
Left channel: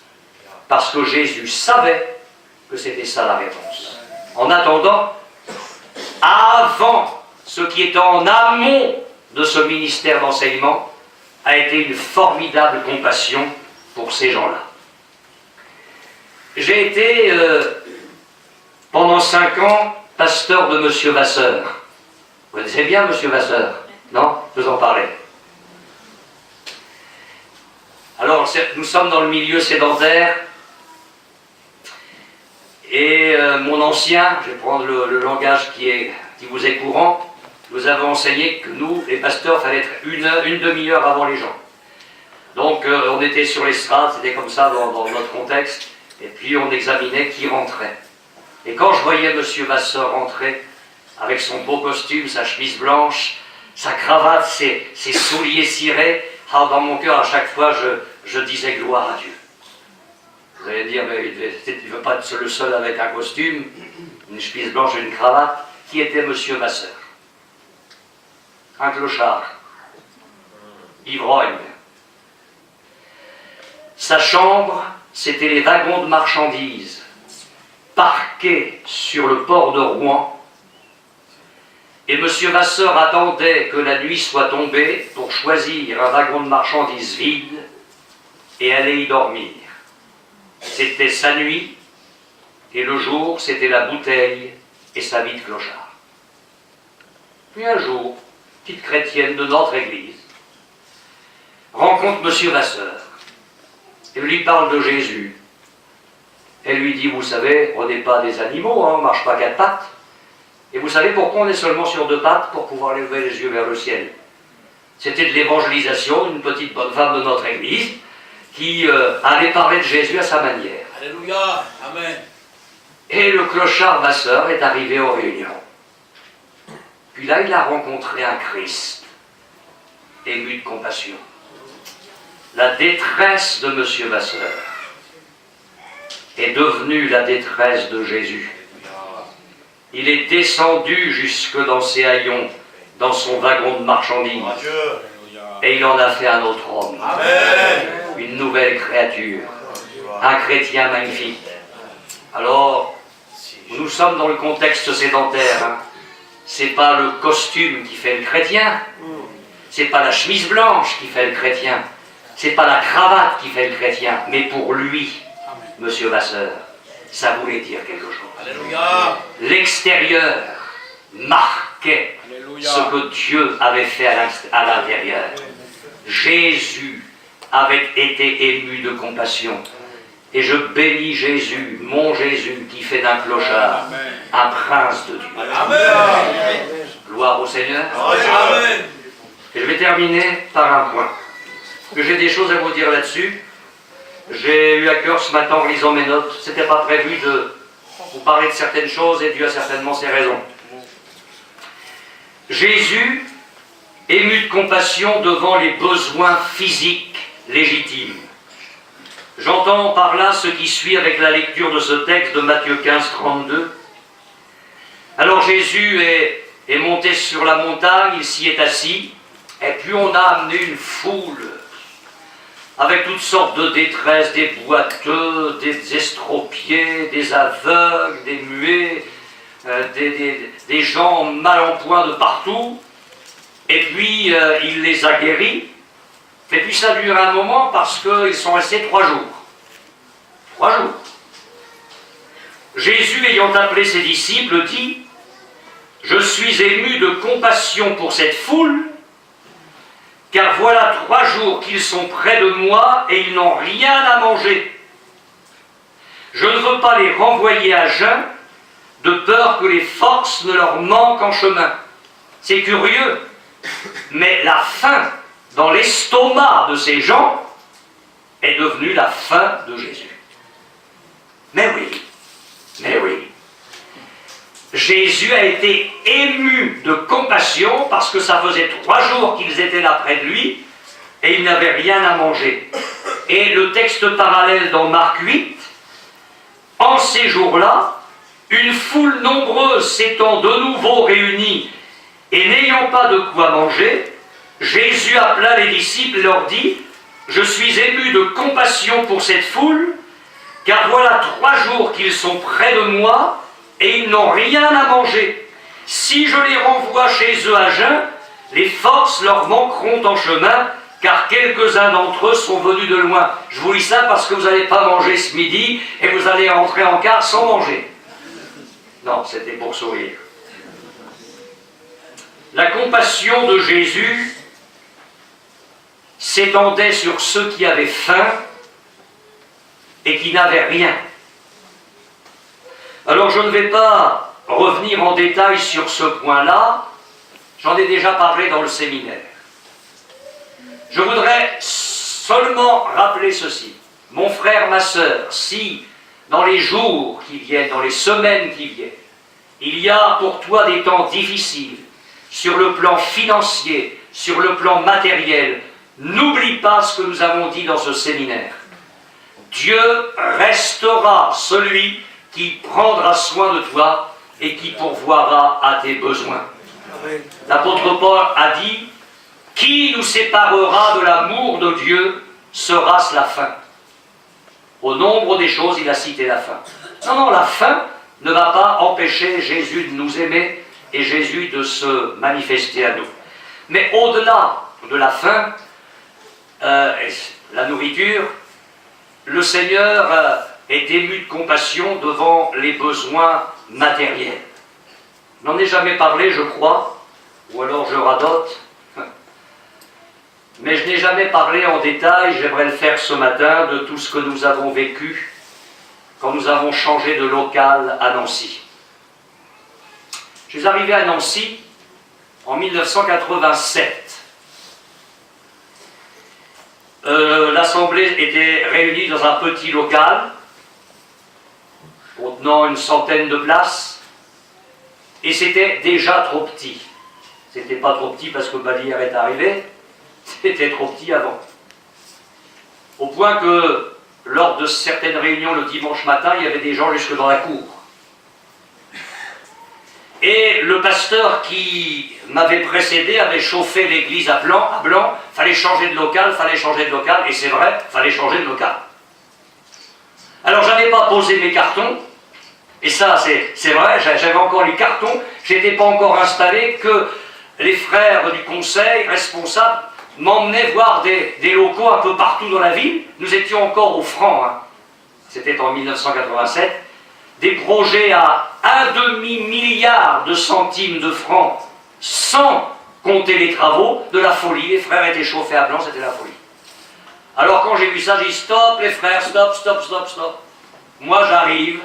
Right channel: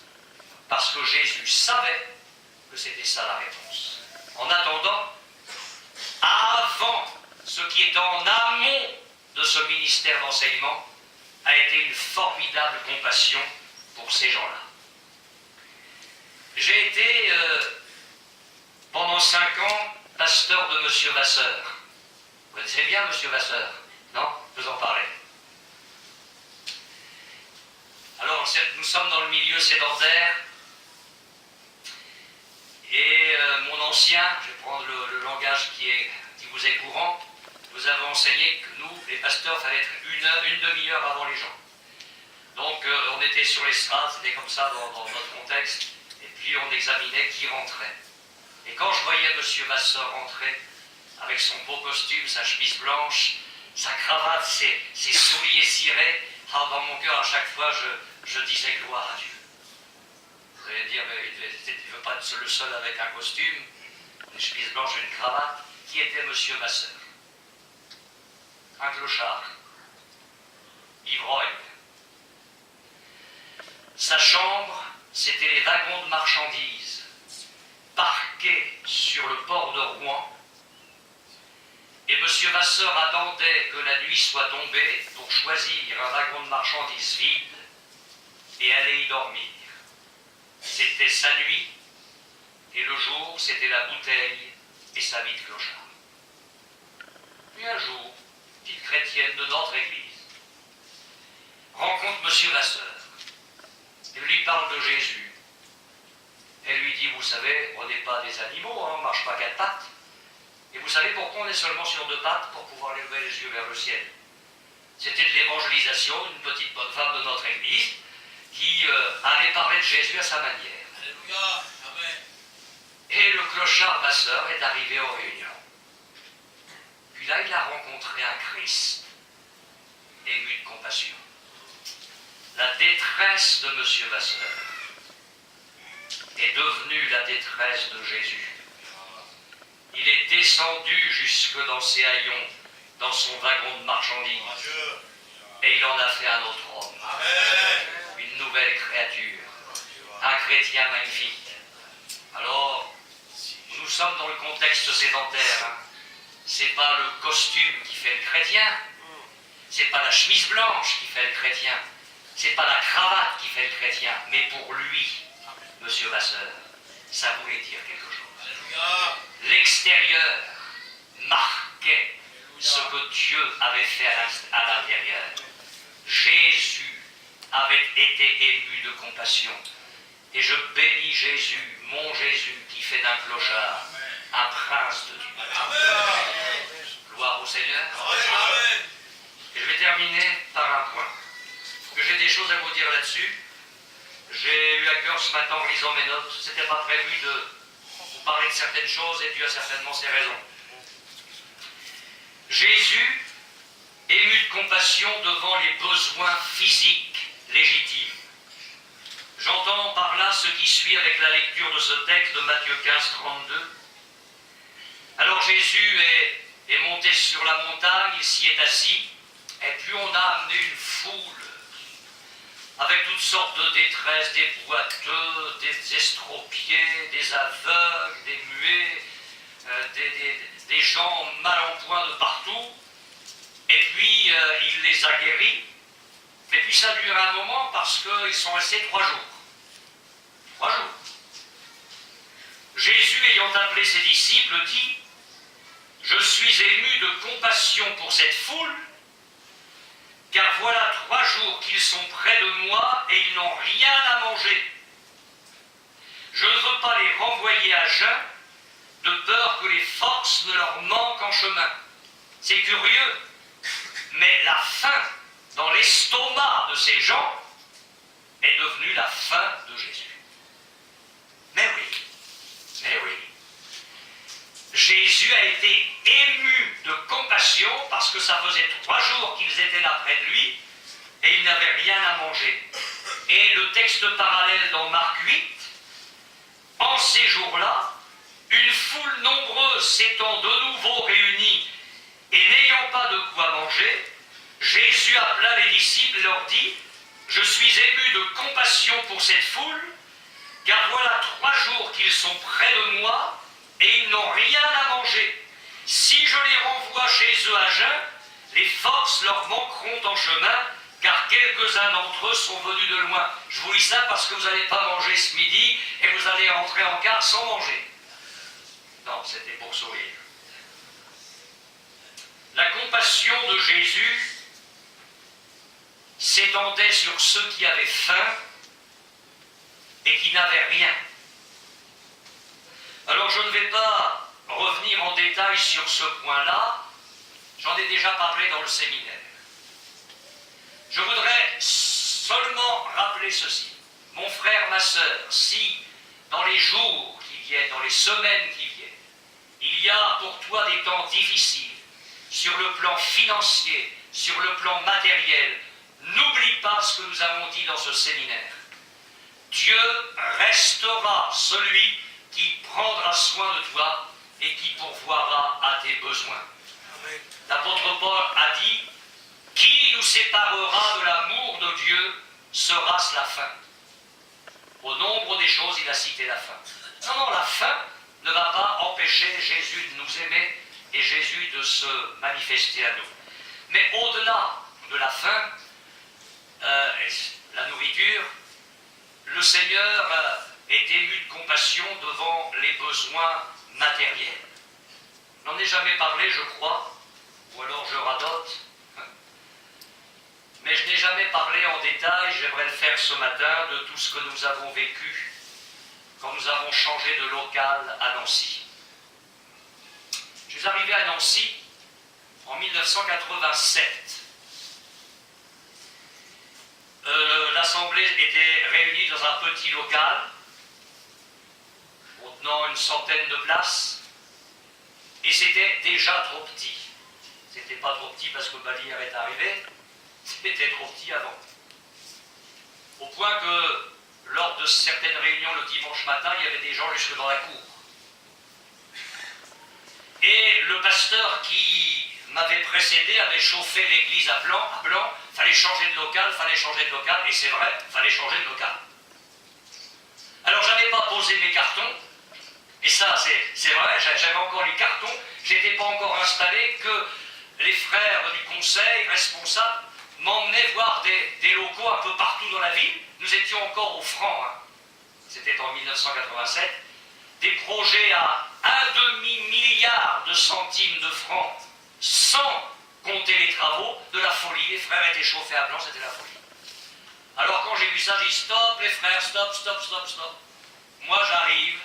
Parce que Jésus savait que c'était ça la réponse. En attendant, avant, ce qui est en amont de ce ministère d'enseignement a été une formidable compassion pour ces gens-là. J'ai été, pendant 5 ans, pasteur de M. Vasseur. Vous connaissez bien M. Vasseur, non? Je vous en parlais. Alors, nous sommes dans le milieu sédentaire, et mon ancien, je vais prendre le langage qui vous est courant, nous avons enseigné que nous, les pasteurs, il fallait être une demi-heure avant les gens. Donc, on était sur l'estrade, c'était comme ça dans notre contexte, et puis on examinait qui rentrait. Et quand je voyais M. Vasseur rentrer, avec son beau costume, sa chemise blanche, sa cravate, ses souliers cirés, dans mon cœur, à chaque fois, je disais gloire à Dieu. Vous allez dire, mais il ne veut pas être le seul avec un costume, une chemise blanche et une cravate. Qui était M. Vasseur? Un clochard, ivrogne. Sa chambre, c'était les wagons de marchandises, parqués sur le port de Rouen. Et M. Vasseur attendait que la nuit soit tombée pour choisir un wagon de marchandises vide et aller y dormir. C'était sa nuit, et le jour, c'était la bouteille et sa vie de clochard. Puis un jour, petite chrétienne de notre église rencontre M. Vasseur et lui parle de Jésus. Elle lui dit, vous savez, on n'est pas des animaux, on ne marche pas 4 pattes. Et vous savez pourquoi on est seulement sur 2 pattes? Pour pouvoir lever les yeux vers le ciel. C'était de l'évangélisation, une petite bonne femme de notre église, qui allait parler de Jésus à sa manière. Alléluia, Amen. Et le clochard Vasseur est arrivé aux réunions. Puis là, il a rencontré un Christ, ému de compassion. La détresse de M. Vasseur est devenue la détresse de Jésus. Il est descendu jusque dans ses haillons, dans son wagon de marchandises. Et il en a fait un autre homme. Amen. Une nouvelle créature. Un chrétien magnifique. Alors, nous sommes dans le contexte sédentaire. Hein. C'est pas le costume qui fait le chrétien. C'est pas la chemise blanche qui fait le chrétien. C'est pas la cravate qui fait le chrétien. Mais pour lui, M. Vasseur, ça voulait dire quelque chose. Alléluia. L'extérieur marquait Alléluia. ce que Dieu avait fait à l'intérieur. Jésus avait été ému de compassion. Et je bénis Jésus, mon Jésus, qui fait d'un clochard un prince de Dieu. Amen. Gloire au Seigneur. Amen. Et je vais terminer par un point. Que j'ai des choses à vous dire là-dessus. J'ai eu à cœur ce matin en lisant mes notes. C'était pas prévu de vous parler de certaines choses et Dieu a certainement ses raisons. Jésus, ému de compassion devant les besoins physiques légitimes. J'entends par là ce qui suit avec la lecture de ce texte de Matthieu 15, 32. Alors Jésus est monté sur la montagne, il s'y est assis, et puis on a amené une foule avec toutes sortes de détresses, des boiteux, des estropiés, des aveugles, des muets, des gens mal en point de partout. Et puis il les a guéris. Et puis ça dure un moment parce qu'ils sont restés 3 jours. 3 jours. Jésus, ayant appelé ses disciples, dit, Je suis ému de compassion pour cette foule, car voilà 3 jours qu'ils sont près de moi et ils n'ont rien à manger. Je ne veux pas les renvoyer à jeun, de peur que les forces ne leur manquent en chemin. C'est curieux, mais la faim dans l'estomac de ces gens est devenue la faim de Jésus. Mais oui. Jésus a été ému de compassion parce que ça faisait 3 jours qu'ils étaient là près de lui et ils n'avaient rien à manger. Et le texte parallèle dans Marc 8, en ces jours-là, une foule nombreuse s'étant de nouveau réunie et n'ayant pas de quoi manger, Jésus appela les disciples et leur dit « Je suis ému de compassion pour cette foule, car voilà 3 jours qu'ils sont près de moi et ils n'ont rien à manger. Si je les renvoie chez eux à jeun, les forces leur manqueront en chemin, car quelques-uns d'entre eux sont venus de loin. » Je vous lis ça parce que vous n'allez pas manger ce midi et vous allez rentrer en car sans manger. Non, c'était pour sourire. La compassion de Jésus s'étendait sur ceux qui avaient faim et qui n'avaient rien. Alors je ne vais pas revenir en détail sur ce point-là, j'en ai déjà parlé dans le séminaire. Je voudrais seulement rappeler ceci. Mon frère, ma sœur, si dans les jours qui viennent, dans les semaines qui viennent, il y a pour toi des temps difficiles, sur le plan financier, sur le plan matériel, n'oublie pas ce que nous avons dit dans ce séminaire. Dieu restera celui qui prendra soin de toi et qui pourvoira à tes besoins. L'apôtre Paul a dit « Qui nous séparera de l'amour de Dieu, sera-ce la faim ?» Au nombre des choses, il a cité la faim. Non, la faim ne va pas empêcher Jésus de nous aimer et Jésus de se manifester à nous. Mais au-delà de la faim, la nourriture, le Seigneur est ému de compassion devant les besoins matériels. Je n'en ai jamais parlé, je crois, ou alors je radote, mais je n'ai jamais parlé en détail, j'aimerais le faire ce matin, de tout ce que nous avons vécu quand nous avons changé de local à Nancy. Je suis arrivé à Nancy en 1987. L'Assemblée était réunie dans un petit local, contenant une centaine de places, et c'était déjà trop petit. C'était pas trop petit parce que Balière est arrivé, c'était trop petit avant. Au point que, lors de certaines réunions le dimanche matin, il y avait des gens jusque dans la cour. Et le pasteur qui m'avait précédé avait chauffé l'église à blanc, fallait changer de local, et c'est vrai, fallait changer de local. Alors j'avais pas posé mes cartons, et ça c'est vrai, j'avais encore les cartons, j'étais pas encore installé, que les frères du conseil responsables m'emmenaient voir des locaux un peu partout dans la ville. Nous étions encore au franc, c'était en 1987, des projets à 1,5 milliard de centimes de francs, sans compter les travaux, de la folie. Les frères étaient chauffés à blanc, c'était la folie. Alors quand j'ai vu ça, j'ai dit stop les frères, stop. Moi j'arrive,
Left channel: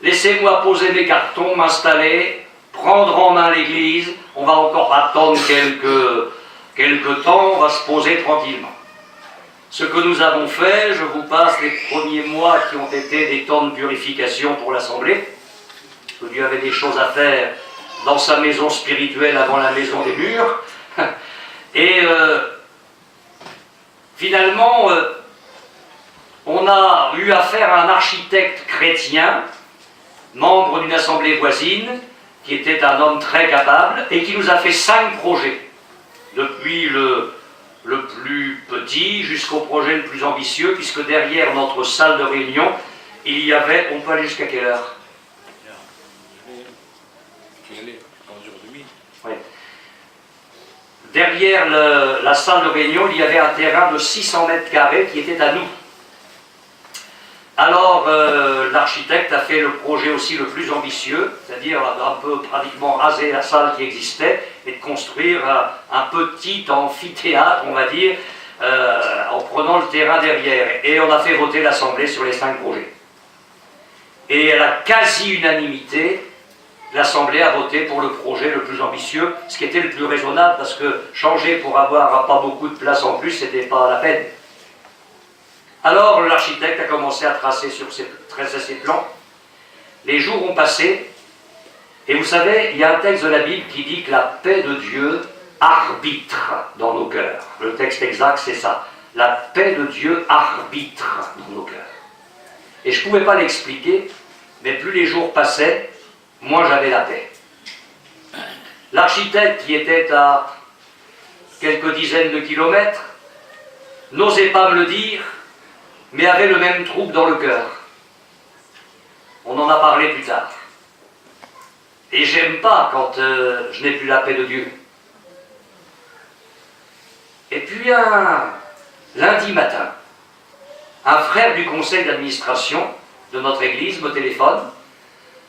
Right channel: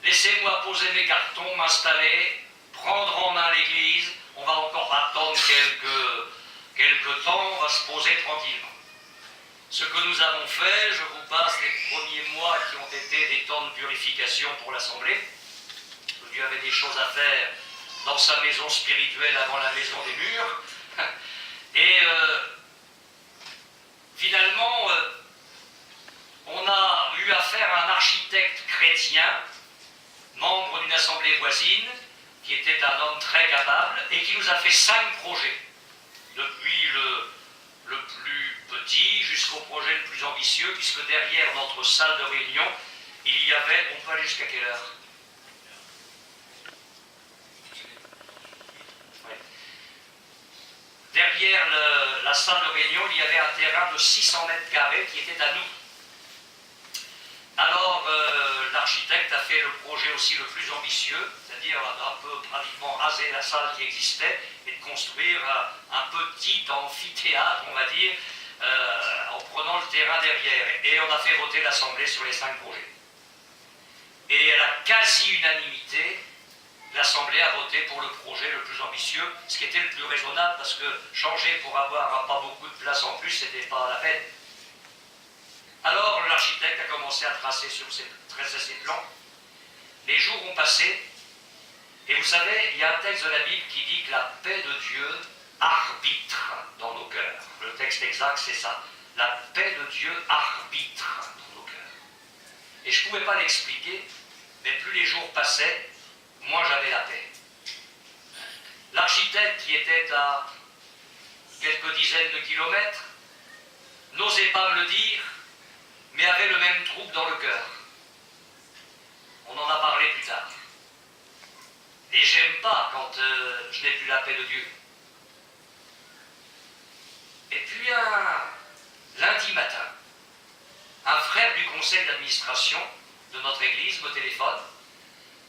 laissez-moi poser mes cartons, m'installer, prendre en main l'église, on va encore attendre quelques temps, on va se poser tranquillement. Ce que nous avons fait, je vous passe les premiers mois qui ont été des temps de purification pour l'Assemblée, parce que Dieu avait des choses à faire dans sa maison spirituelle avant la maison des murs. Et finalement, on a eu affaire à un architecte chrétien, membre d'une assemblée voisine, qui était un homme très capable, et qui nous a fait 5 projets, depuis le plus petit jusqu'au projet le plus ambitieux, puisque derrière notre salle de réunion, il y avait, on peut aller jusqu'à quelle heure? Oui. Derrière la salle de réunion, il y avait un terrain de 600 mètres carrés qui était à nous. Alors, l'architecte a fait le projet aussi le plus ambitieux, c'est-à-dire un peu pratiquement raser la salle qui existait et de construire un petit amphithéâtre, on va dire, en prenant le terrain derrière. Et on a fait voter l'Assemblée sur les 5 projets. Et à la quasi-unanimité, l'Assemblée a voté pour le projet le plus ambitieux, ce qui était le plus raisonnable, parce que changer pour avoir pas beaucoup de place en plus, c'était pas la peine. Alors l'architecte a commencé à tracer ses plans. Les jours ont passé, et vous savez, il y a un texte de la Bible qui dit que la paix de Dieu arbitre dans nos cœurs. Le texte exact, c'est ça. La paix de Dieu arbitre dans nos cœurs. Et je ne pouvais pas l'expliquer, mais plus les jours passaient, moins j'avais la paix. L'architecte, qui était à quelques dizaines de kilomètres, n'osait pas me le dire, mais avait le même trouble dans le cœur. On en a parlé plus tard. Et j'aime pas quand je n'ai plus la paix de Dieu. Et puis un lundi matin, un frère du conseil d'administration de notre église me téléphone.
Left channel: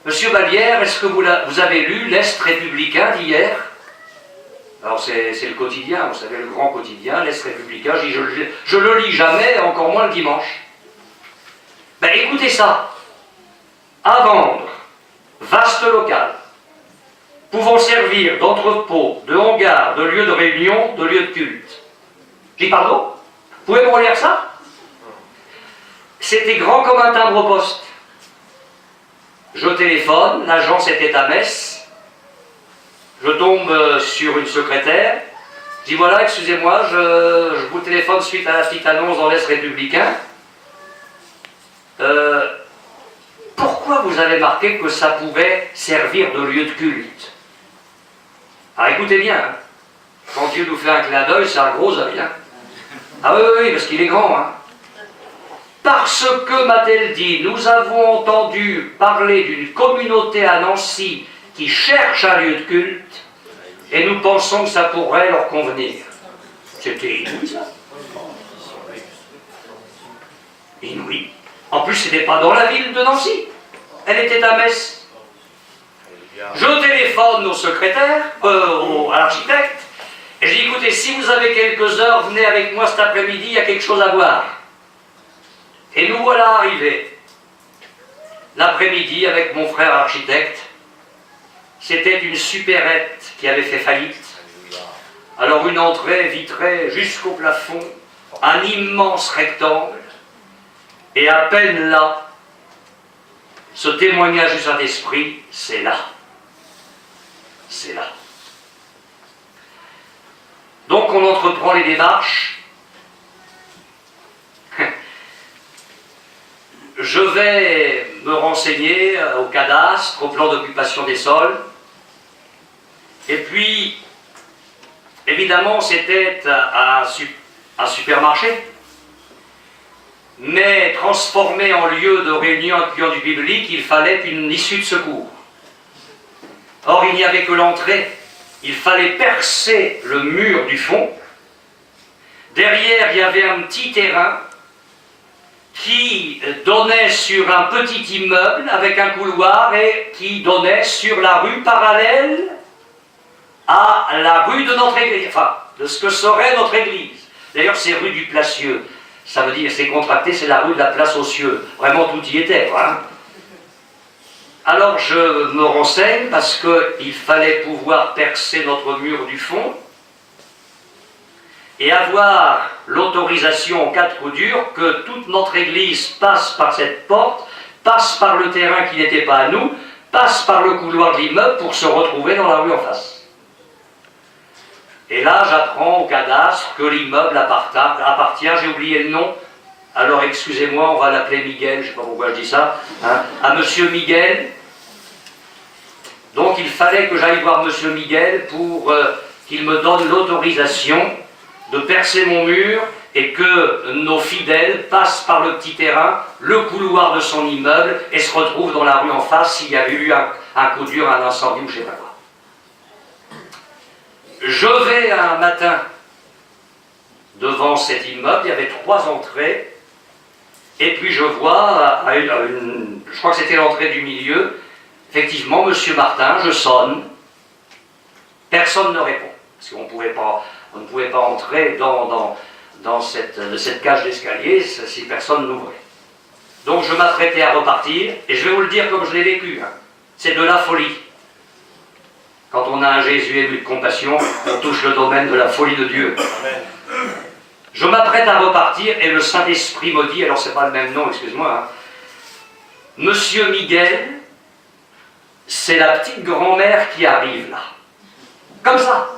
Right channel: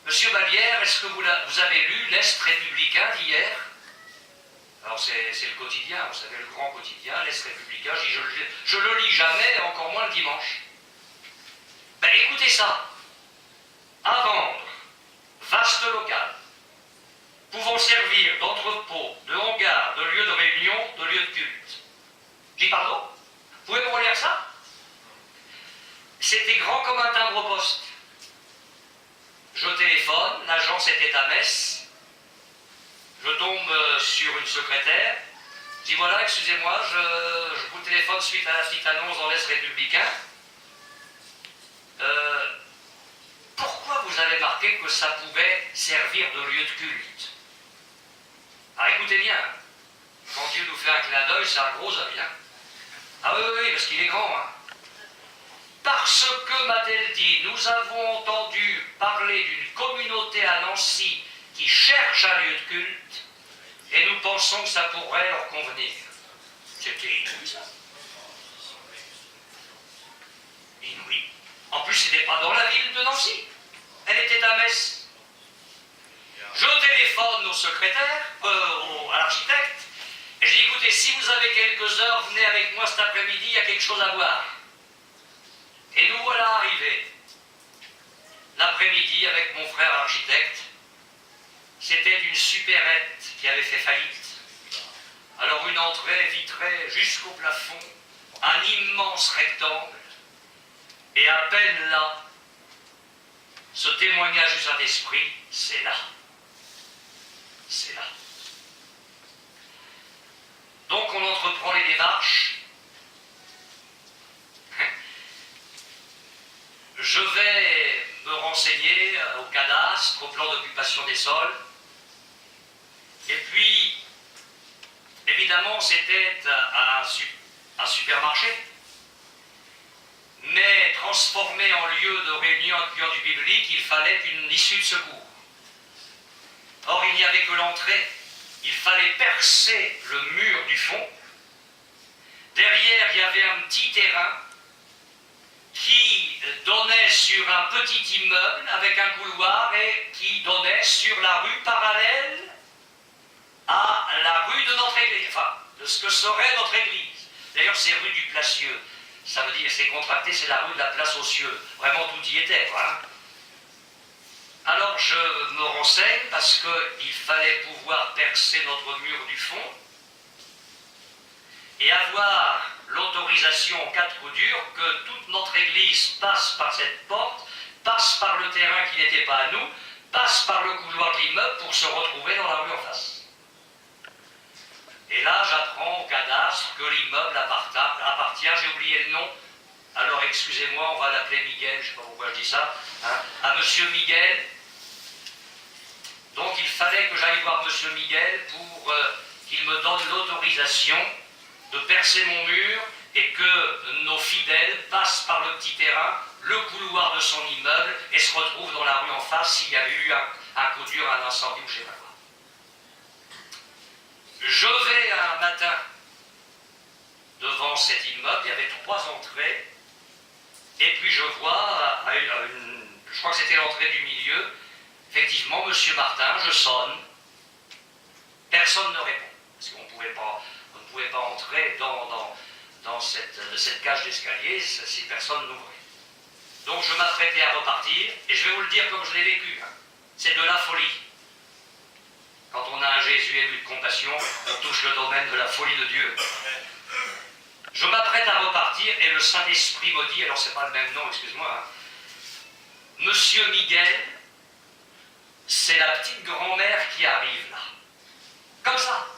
Monsieur Vallière, est-ce que vous avez lu l'Est républicain d'hier? Alors c'est le quotidien, vous savez, le grand quotidien, l'Est républicain. Je le lis jamais, encore moins le dimanche. Ben écoutez ça. À vendre, vaste local, pouvant servir d'entrepôt, de hangar, de lieu de réunion, de lieu de culte. J'ai dit pardon? Vous pouvez me relire ça? C'était grand comme un timbre-poste. Je téléphone, l'agence était à Metz. Je tombe sur une secrétaire. Je dis voilà, excusez-moi, je vous téléphone suite à la petite annonce dans l'Est républicain. Pourquoi vous avez marqué que ça pouvait servir de lieu de culte? Alors écoutez bien, hein. Quand Dieu nous fait un clin d'œil, c'est un gros œil. Hein. Ah oui, parce qu'il est grand. Hein. Parce que, m'a-t-elle dit, nous avons entendu parler d'une communauté à Nancy qui cherche un lieu de culte et nous pensons que ça pourrait leur convenir. C'était inouï, ça. Inouï. En plus, c'était pas dans la ville de Nancy. Elle était à Metz. Je téléphone au secrétaire, à l'architecte, et je dis, écoutez, si vous avez quelques heures, venez avec moi cet après-midi, il y a quelque chose à voir. Et nous voilà arrivés. L'après-midi, avec mon frère architecte, c'était une supérette qui avait fait faillite. Alors une entrée vitrée jusqu'au plafond, un immense rectangle, et à peine là, ce témoignage du Saint-Esprit, c'est là. C'est là. Donc on entreprend les démarches. Je vais me renseigner au cadastre, au plan d'occupation des sols. Et puis, évidemment, c'était un supermarché, mais transformé en lieu de réunion accueillant du biblique, il fallait une issue de secours. Or, il n'y avait que l'entrée. Il fallait percer le mur du fond. Derrière, il y avait un petit terrain qui donnait sur un petit immeuble avec un couloir et qui donnait sur la rue parallèle à la rue de notre église, enfin, de ce que serait notre église. D'ailleurs, c'est rue du Placieux. Ça veut dire, c'est contracté, c'est la rue de la Place aux Cieux. Vraiment, tout y était, voilà. Alors, je me renseigne parce qu'il fallait pouvoir percer notre mur du fond et avoir l'autorisation en cas de coup dur que toute notre église passe par cette porte, passe par le terrain qui n'était pas à nous, passe par le couloir de l'immeuble pour se retrouver dans la rue en face. Et là, j'apprends au cadastre que l'immeuble appartient, j'ai oublié le nom, alors excusez-moi, on va l'appeler Miguel, je ne sais pas pourquoi je dis ça, hein, à Monsieur Miguel. Donc il fallait que j'aille voir Monsieur Miguel pour qu'il me donne l'autorisation de percer mon mur et que nos fidèles passent par le petit terrain, le couloir de son immeuble et se retrouvent dans la rue en face s'il y avait eu un coup dur, un incendie ou je ne sais pas quoi. Je vais un matin devant cet immeuble, il y avait 3 entrées Et puis je vois, je crois que c'était l'entrée du milieu, effectivement, Monsieur Martin, je sonne, personne ne répond, parce qu'on ne pouvait pas entrer dans cette cage d'escalier si personne n'ouvrait. Donc je m'apprêtais à repartir, et je vais vous le dire comme je l'ai vécu, hein. C'est de la folie. Quand on a un Jésus ému de compassion, on touche le domaine de la folie de Dieu. Amen. Je m'apprête à repartir, et le Saint-Esprit me dit, alors c'est pas le même nom, excuse-moi, hein, Monsieur Miguel, c'est la petite grand-mère qui arrive là. Comme ça.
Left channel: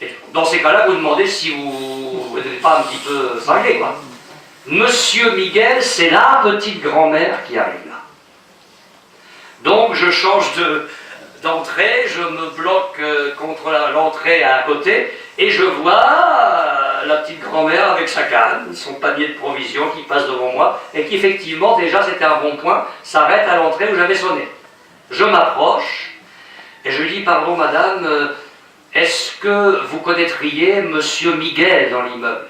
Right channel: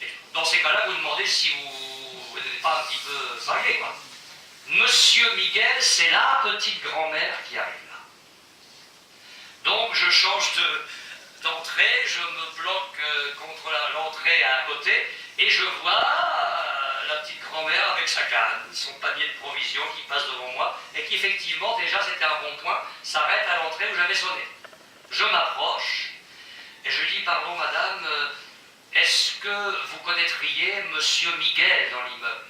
Et dans ces cas-là, vous demandez si vous n'êtes pas un petit peu cinglé, quoi. Monsieur Miguel, c'est la petite grand-mère qui arrive là. Donc je change d'entrée, je me bloque contre l'entrée à côté, et je vois la petite grand-mère avec sa canne, son panier de provisions qui passe devant moi, et qui effectivement, déjà c'était un bon point, s'arrête à l'entrée où j'avais sonné. Je m'approche, et je lui dis, pardon madame, est-ce que vous connaîtriez Monsieur Miguel dans l'immeuble?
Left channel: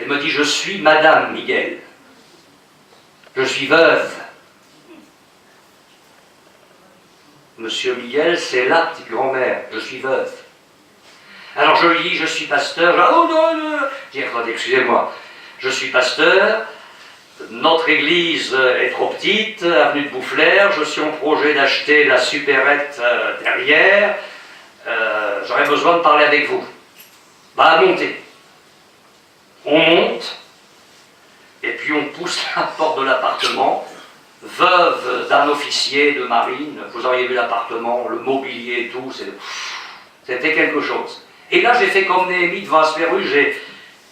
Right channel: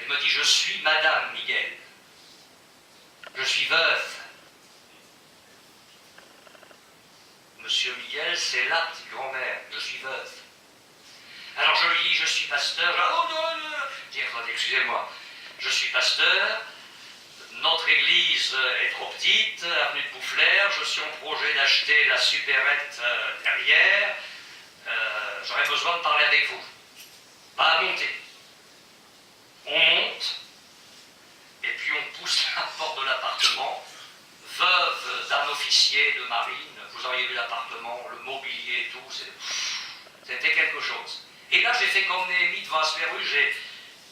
Elle me dit, je suis Madame Miguel. Je suis veuve. Monsieur Miguel, c'est la petite grand-mère. Je suis veuve. Alors je lui dis, je suis pasteur. Oh non, non. Je dis, attendez, excusez-moi. Je suis pasteur. Notre église est trop petite, avenue de Boufflers. Je suis en projet d'acheter la supérette derrière. J'aurais besoin de parler avec vous. Bah, montez. On monte, et puis on pousse la porte de l'appartement. Veuve d'un officier de marine, vous auriez vu l'appartement, le mobilier et tout, c'était quelque chose. Et là, j'ai fait comme Néhémie devant Asperus,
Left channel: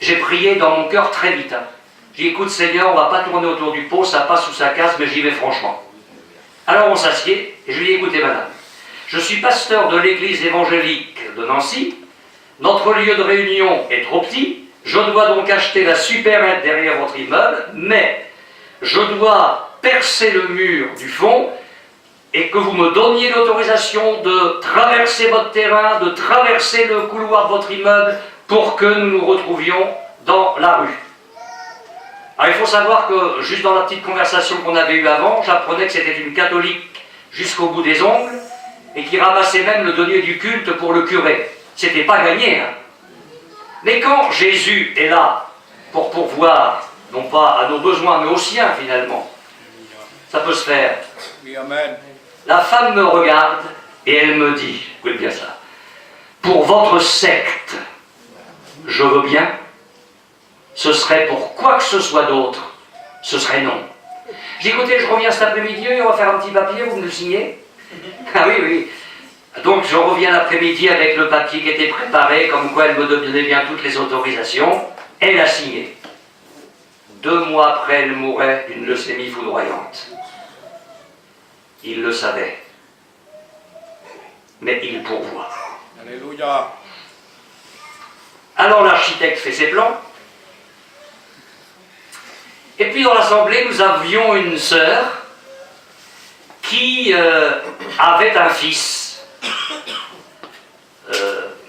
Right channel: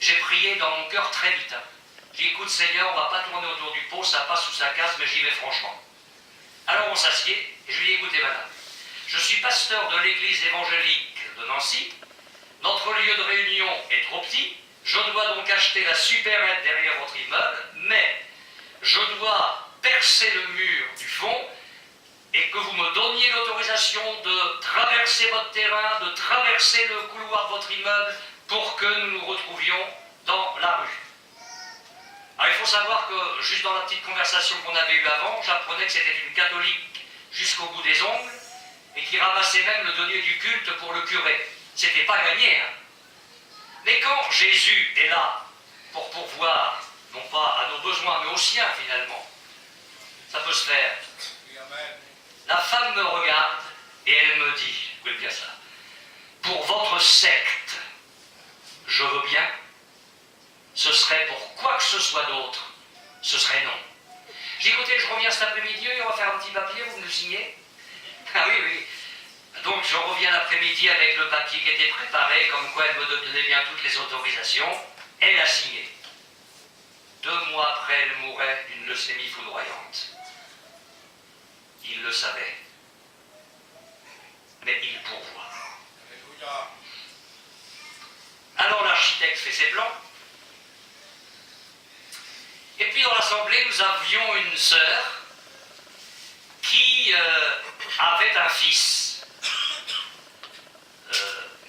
j'ai prié dans mon cœur très vite. Hein. J'ai dit, écoute Seigneur, on ne va pas tourner autour du pot, ça passe ou ça casse, mais j'y vais franchement. Alors on s'assied, et je lui dis, écoutez madame, je suis pasteur de l'église évangélique de Nancy, notre lieu de réunion est trop petit, je dois donc acheter la supérette derrière votre immeuble, mais je dois percer le mur du fond et que vous me donniez l'autorisation de traverser votre terrain, de traverser le couloir de votre immeuble pour que nous nous retrouvions dans la rue. Alors il faut savoir que, juste dans la petite conversation qu'on avait eue avant, j'apprenais que c'était une catholique jusqu'au bout des ongles et qui ramassait même le denier du culte pour le curé. C'était pas gagné, hein. Mais quand Jésus est là pour pourvoir, non pas à nos besoins, mais aux siens finalement, ça peut se faire. Amen. La femme me regarde et elle me dit, écoutez bien ça, pour votre secte, je veux bien, ce serait pour quoi que ce soit d'autre, ce serait non. J'ai dit, écoutez, je reviens cet après-midi, on va faire un petit papier, vous me le signez? Ah oui, oui. Donc je reviens l'après-midi avec le papier qui était préparé, comme quoi elle me donnait bien toutes les autorisations. Elle a signé. 2 mois après, elle mourait d'une leucémie foudroyante. Il le savait. Mais il pourvoit. Alléluia. Alors l'architecte fait ses plans. Et puis dans l'assemblée, nous avions une sœur qui avait un fils.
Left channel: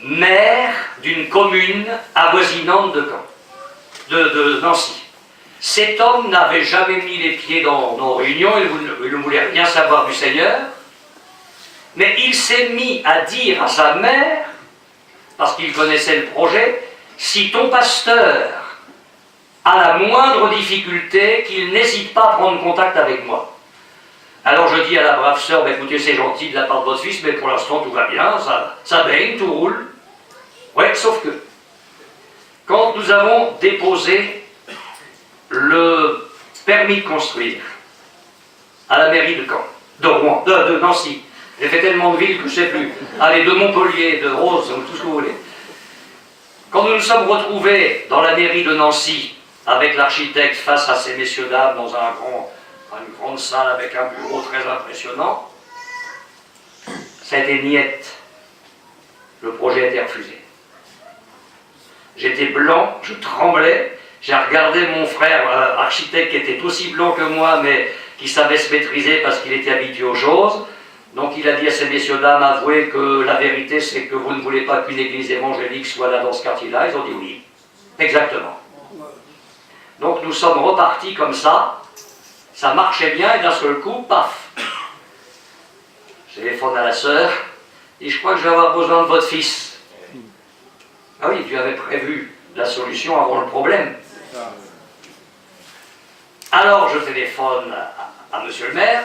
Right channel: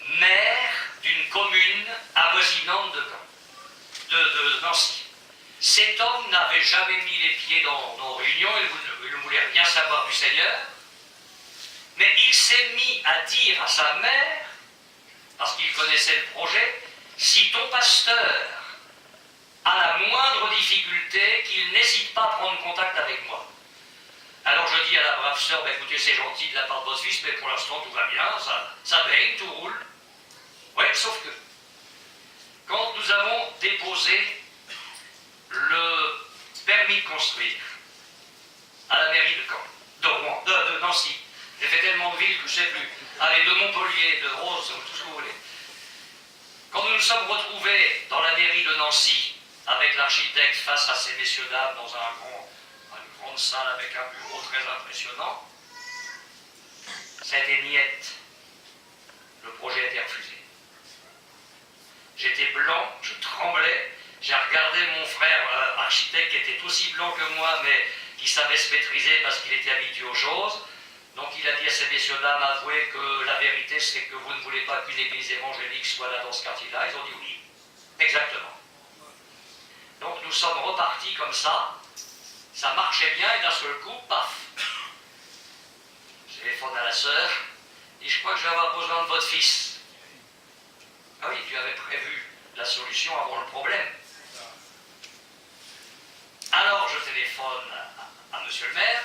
Maire d'une commune avoisinante de Nancy. Cet homme n'avait jamais mis les pieds dans nos réunions, il ne voulait rien savoir du Seigneur, mais il s'est mis à dire à sa mère, parce qu'il connaissait le projet, si ton pasteur a la moindre difficulté, qu'il n'hésite pas à prendre contact avec moi. Alors je dis à la brave sœur, écoutez, c'est gentil de la part de votre fils, mais pour l'instant tout va bien, ça baigne, tout roule. Ouais, sauf que, quand nous avons déposé le permis de construire à la mairie de Caen, de Rouen, de Nancy, j'ai fait tellement de villes que je ne sais plus, allez, de Montpellier, de Rose, tout ce que vous voulez. Quand nous nous sommes retrouvés dans la mairie de Nancy, avec l'architecte face à ces messieurs-dames dans une grande salle avec un bureau très impressionnant, ça a été niette. Le projet a été refusé. J'étais blanc, je tremblais, j'ai regardé mon frère architecte qui était aussi blanc que moi, mais qui savait se maîtriser parce qu'il était habitué aux choses. Donc il a dit à ces messieurs-dames, avouez que la vérité c'est que vous ne voulez pas qu'une église évangélique soit là dans ce quartier-là. Ils ont dit oui, exactement. Donc nous sommes repartis comme ça marchait bien, et d'un seul coup, paf. Je téléphone à la sœur, et je crois que je vais avoir besoin de votre fils. Ah oui, tu avais prévu la solution avant le problème. Alors je téléphone à monsieur le maire,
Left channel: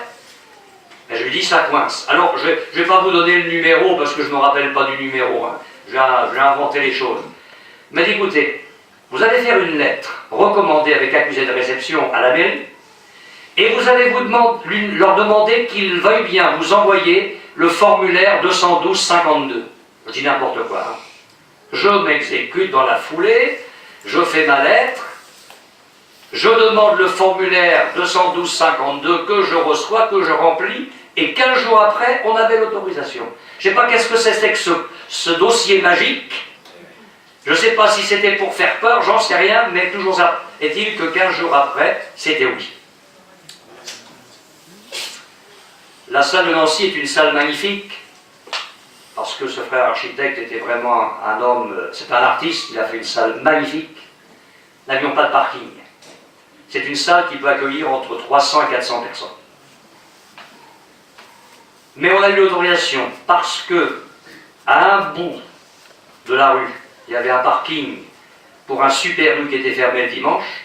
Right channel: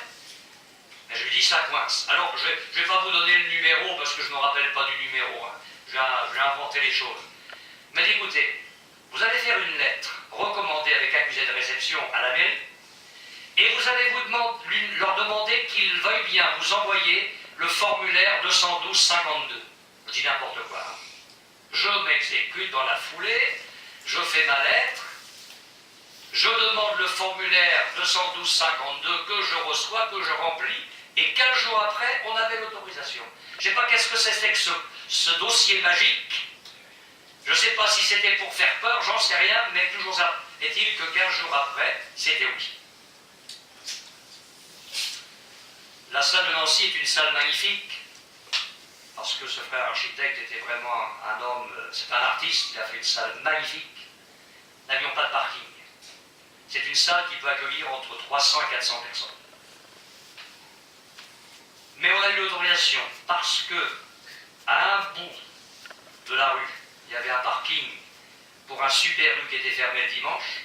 et je lui dis ça coince. Alors je ne vais pas vous donner le numéro parce que je ne me rappelle pas du numéro, hein. Je vais inventer les choses. Il m'a dit écoutez, vous allez faire une lettre recommandée avec accusé de réception à la mairie, et vous allez leur demander qu'ils veuillent bien vous envoyer le formulaire 212-52. Je dis n'importe quoi. Hein. Je m'exécute dans la foulée, je fais ma lettre, je demande le formulaire 212-52 que je reçois, que je remplis, et 15 jours après, on avait l'autorisation. Je ne sais pas qu'est-ce que c'était que ce dossier magique. Je ne sais pas si c'était pour faire peur, j'en sais rien, mais toujours ça. Est-il que 15 jours après, c'était oui. La salle de Nancy est une salle magnifique, parce que ce frère architecte était vraiment un homme, c'est un artiste, il a fait une salle magnifique. Nous n'avions pas de parking. C'est une salle qui peut accueillir entre 300 et 400 personnes. Mais on a eu l'autorisation parce que, à un bout de la rue, il y avait un parking pour un Super U qui était fermé le dimanche,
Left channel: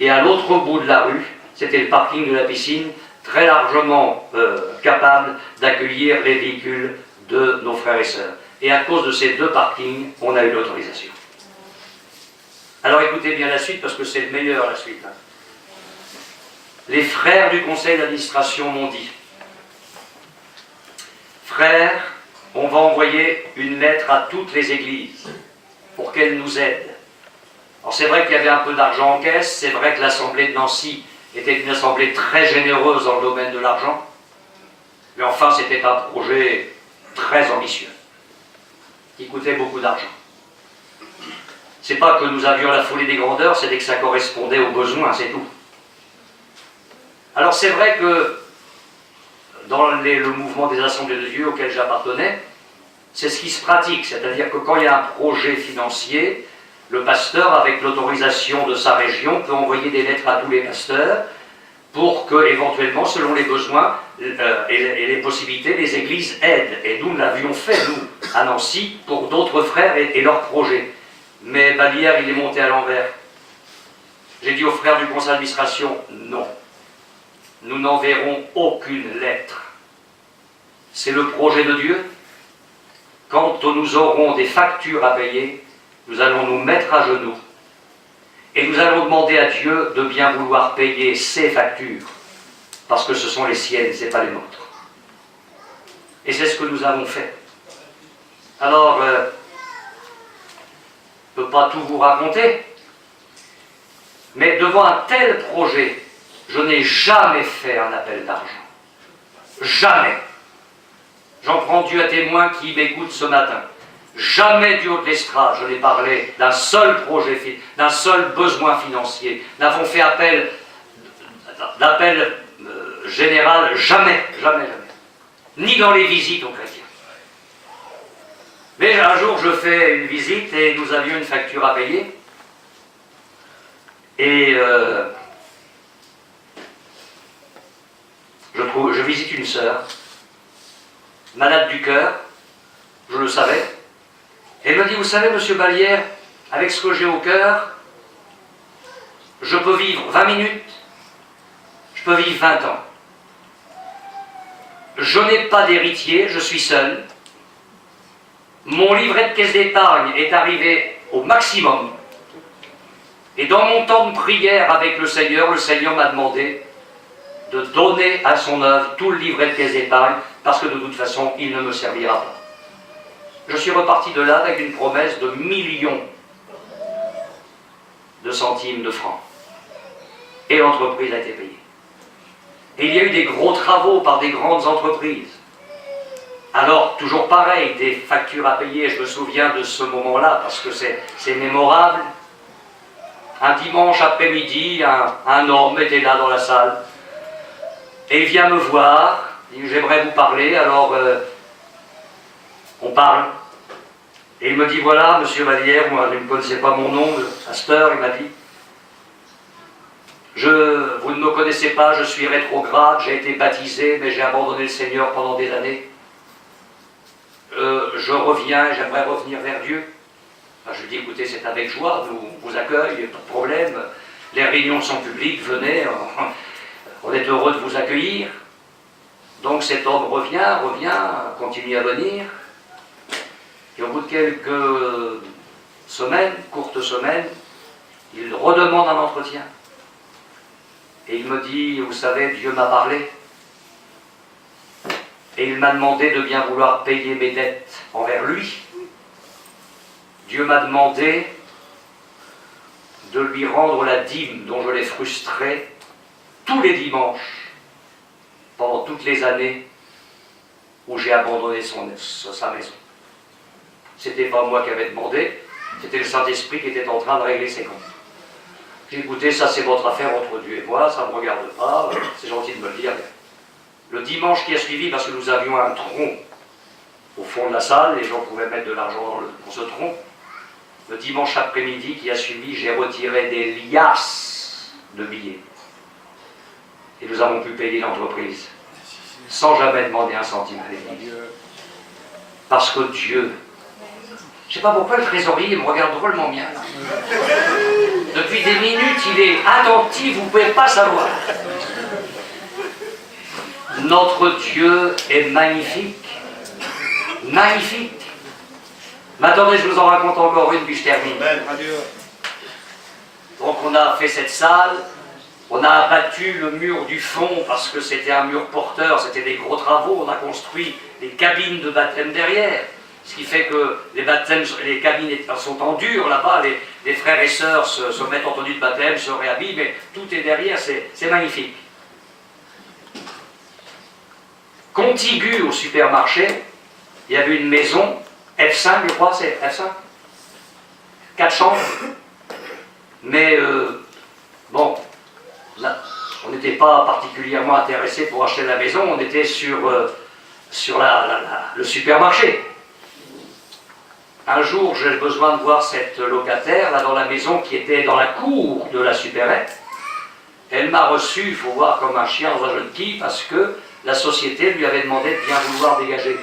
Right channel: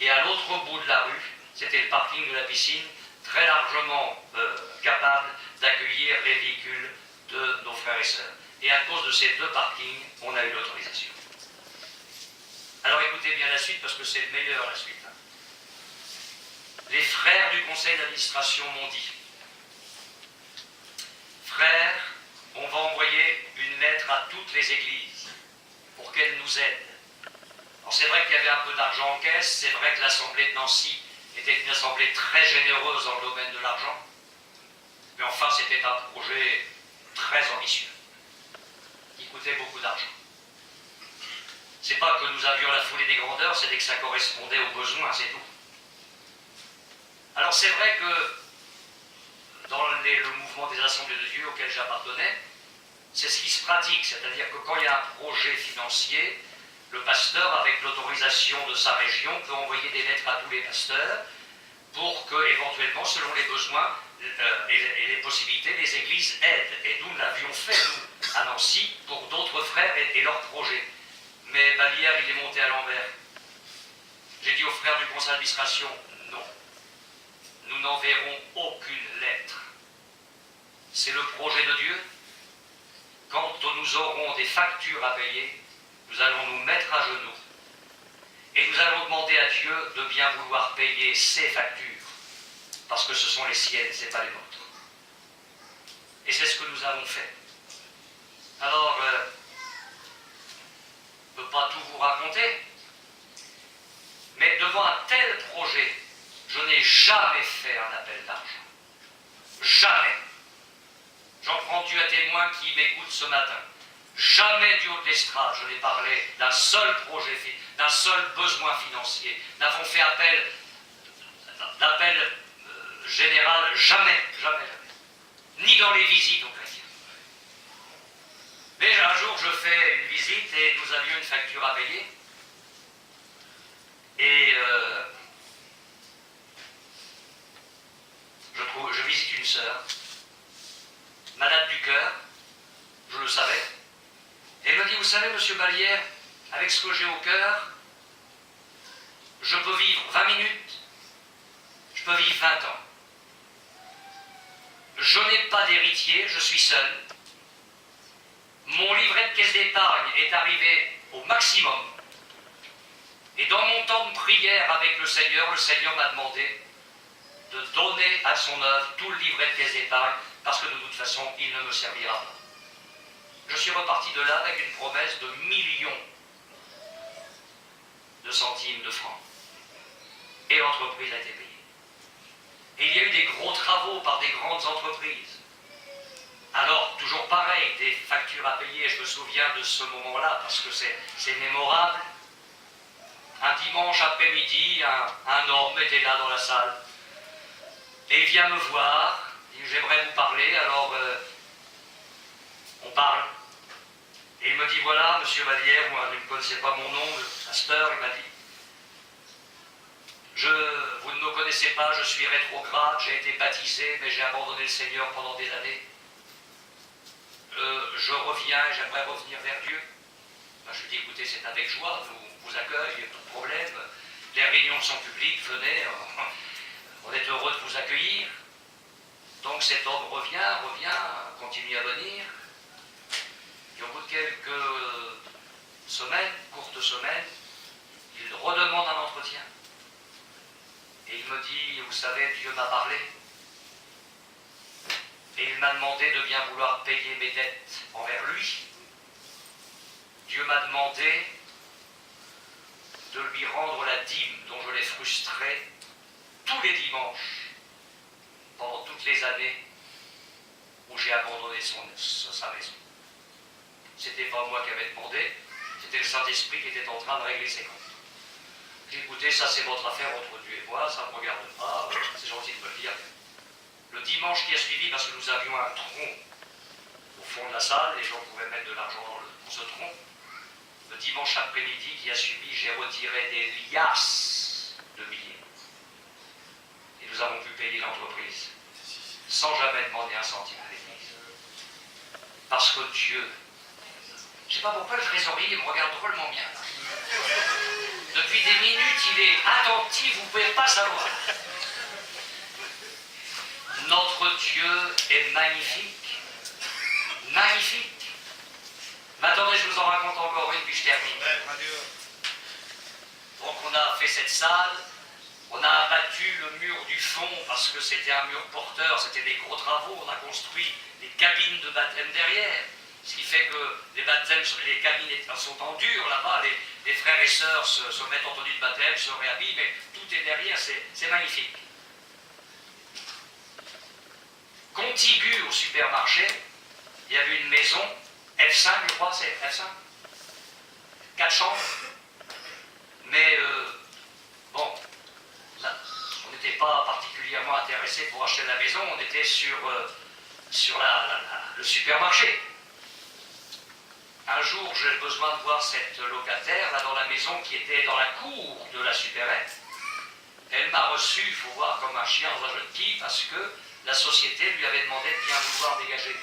et à l'autre bout de la rue, c'était le parking de la piscine, très largement capable d'accueillir les véhicules de nos frères et sœurs. Et à cause de ces deux parkings, on a eu l'autorisation. Alors écoutez bien la suite, parce que c'est le meilleur, la suite. Hein. Les frères du conseil d'administration m'ont dit, frères, on va envoyer une lettre à toutes les églises pour qu'elles nous aident. Alors c'est vrai qu'il y avait un peu d'argent en caisse, c'est vrai que l'Assemblée de Nancy était une assemblée très généreuse dans le domaine de l'argent, mais enfin c'était un projet très ambitieux, qui coûtait beaucoup d'argent. C'est pas que nous avions la folie des grandeurs, c'était que ça correspondait aux besoins, c'est tout. Alors c'est vrai que dans le mouvement des assemblées de Dieu auquel j'appartenais, c'est ce qui se pratique, c'est-à-dire que quand il y a un projet financier, le pasteur, avec l'autorisation de sa région, peut envoyer des lettres à tous les pasteurs pour que, éventuellement, selon les besoins et les possibilités, les églises aident. Et nous l'avions fait, nous, à Nancy, pour d'autres frères et leurs projets. Mais Balière, il est monté à l'envers. J'ai dit aux frères du conseil d'administration, non. Nous n'enverrons aucune lettre. C'est le projet de Dieu. Quand nous aurons des factures à payer, nous allons nous mettre à genoux et nous allons demander à Dieu de bien vouloir payer ces factures, parce que ce sont les siennes, ce n'est pas les nôtres. Et c'est ce que nous avons fait. Alors, je ne peux pas tout vous raconter, mais devant un tel projet, je n'ai jamais fait un appel d'argent. Jamais. J'en prends Dieu à témoin qui m'écoute ce matin. Jamais du haut de l'estrade, je n'ai parlé d'un seul projet, d'un seul besoin financier. Nous n'avons fait d'appel général, jamais, jamais, jamais. Ni dans les visites aux chrétiens. Mais un jour, je fais une visite et nous avions une facture à payer. Et je visite une sœur, malade du cœur, je le savais. Et elle me dit, vous savez, monsieur Balière, avec ce que j'ai au cœur, je peux vivre 20 minutes, je peux vivre 20 ans. Je n'ai pas d'héritier, je suis seul. Mon livret de caisse d'épargne est arrivé au maximum. Et dans mon temps de prière avec le Seigneur m'a demandé de donner à son œuvre tout le livret de caisse d'épargne, parce que de toute façon, il ne me servira pas. Je suis reparti de là avec une promesse de millions de centimes de francs. Et l'entreprise a été payée. Et il y a eu des gros travaux par des grandes entreprises. Alors, toujours pareil, des factures à payer, je me souviens de ce moment-là, parce que c'est mémorable. Un dimanche après-midi, un homme était là dans la salle, et il vient me voir, il dit, j'aimerais vous parler, alors on parle. Et il me dit, voilà, monsieur Vallière, moi je ne connaissais pas mon nom, le pasteur, il m'a dit, Vous ne me connaissez pas, je suis rétrograde, j'ai été baptisé, mais j'ai abandonné le Seigneur pendant des années. Je reviens, j'aimerais revenir vers Dieu. Je lui dis, écoutez, c'est avec joie, nous vous accueillons, pas de problème. Les réunions sont publiques, venez, on est heureux de vous accueillir. Donc cet homme revient, continue à venir. Et au bout de quelques semaines, courtes semaines, il redemande un entretien. Et il me dit, vous savez, Dieu m'a parlé. Et il m'a demandé de bien vouloir payer mes dettes envers lui. Dieu m'a demandé de lui rendre la dîme dont je l'ai frustré tous les dimanches pendant toutes les années où j'ai abandonné sa maison. C'était pas moi qui avais demandé, c'était le Saint-Esprit qui était en train de régler ses comptes. J'ai dit, écoutez, ça c'est votre affaire entre Dieu et moi, ça ne me regarde pas, c'est gentil de me le dire. Le dimanche qui a suivi, parce que nous avions un tronc au fond de la salle, les gens pouvaient mettre de l'argent dans ce tronc. Le dimanche après-midi qui a suivi, j'ai retiré des liasses de billets. Et nous avons pu payer l'entreprise, sans jamais demander un centime à l'église. Parce que Dieu, je ne sais pas pourquoi le trésorier me regarde drôlement bien. Là. Depuis des minutes, il est attentif, vous ne pouvez pas savoir. Notre Dieu est magnifique. Magnifique. Mais attendez, je vous en raconte encore une, puis je termine. Donc on a fait cette salle, on a abattu le mur du fond parce que c'était un mur porteur, c'était des gros travaux, on a construit des cabines de baptême derrière. Ce qui fait que les cabines sont en dur là-bas, les frères et sœurs se mettent en tenue de baptême, se réhabillent, mais tout est derrière, c'est magnifique. Contigu au supermarché, il y avait une maison, F5 je crois, c'est F5 4 chambres, mais bon, là, on n'était pas particulièrement intéressé pour acheter la maison, on était sur le supermarché. Un jour, j'ai besoin de voir cette locataire, là dans la maison qui était dans la cour de la supérette. Elle m'a reçu, il faut voir, comme un chien dans un jeu de quilles, parce que la société lui avait demandé de bien vouloir dégager.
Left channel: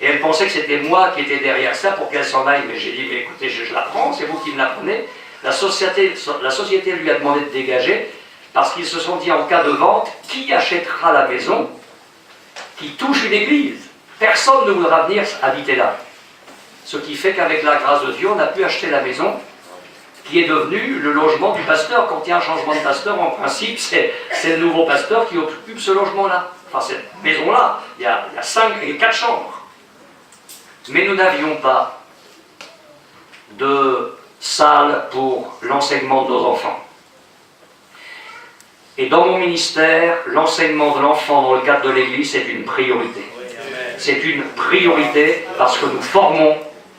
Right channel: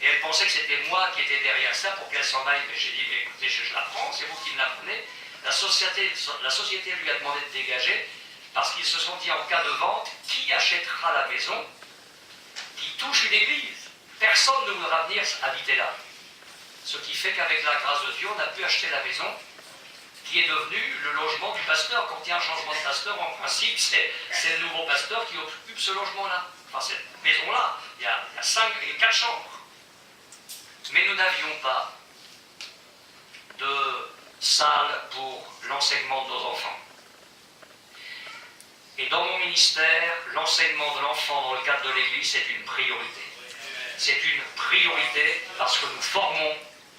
Et elle pensait que c'était moi qui étais derrière ça pour qu'elle s'en aille. Mais j'ai dit, mais écoutez, je la prends, c'est vous qui me la prenez. La société lui a demandé de dégager, parce qu'ils se sont dit, en cas de vente, qui achètera la maison qui touche une église? Personne ne voudra venir habiter là. Ce qui fait qu'avec la grâce de Dieu, on a pu acheter la maison qui est devenue le logement du pasteur. Quand il y a un changement de pasteur, en principe, c'est le nouveau pasteur qui occupe ce logement-là. Enfin, cette maison-là, il y a 4 chambres. Mais nous n'avions pas de salle pour l'enseignement de nos enfants. Et dans mon ministère, l'enseignement de l'enfant dans le cadre de l'Église, c'est une priorité. C'est une priorité parce que nous formons,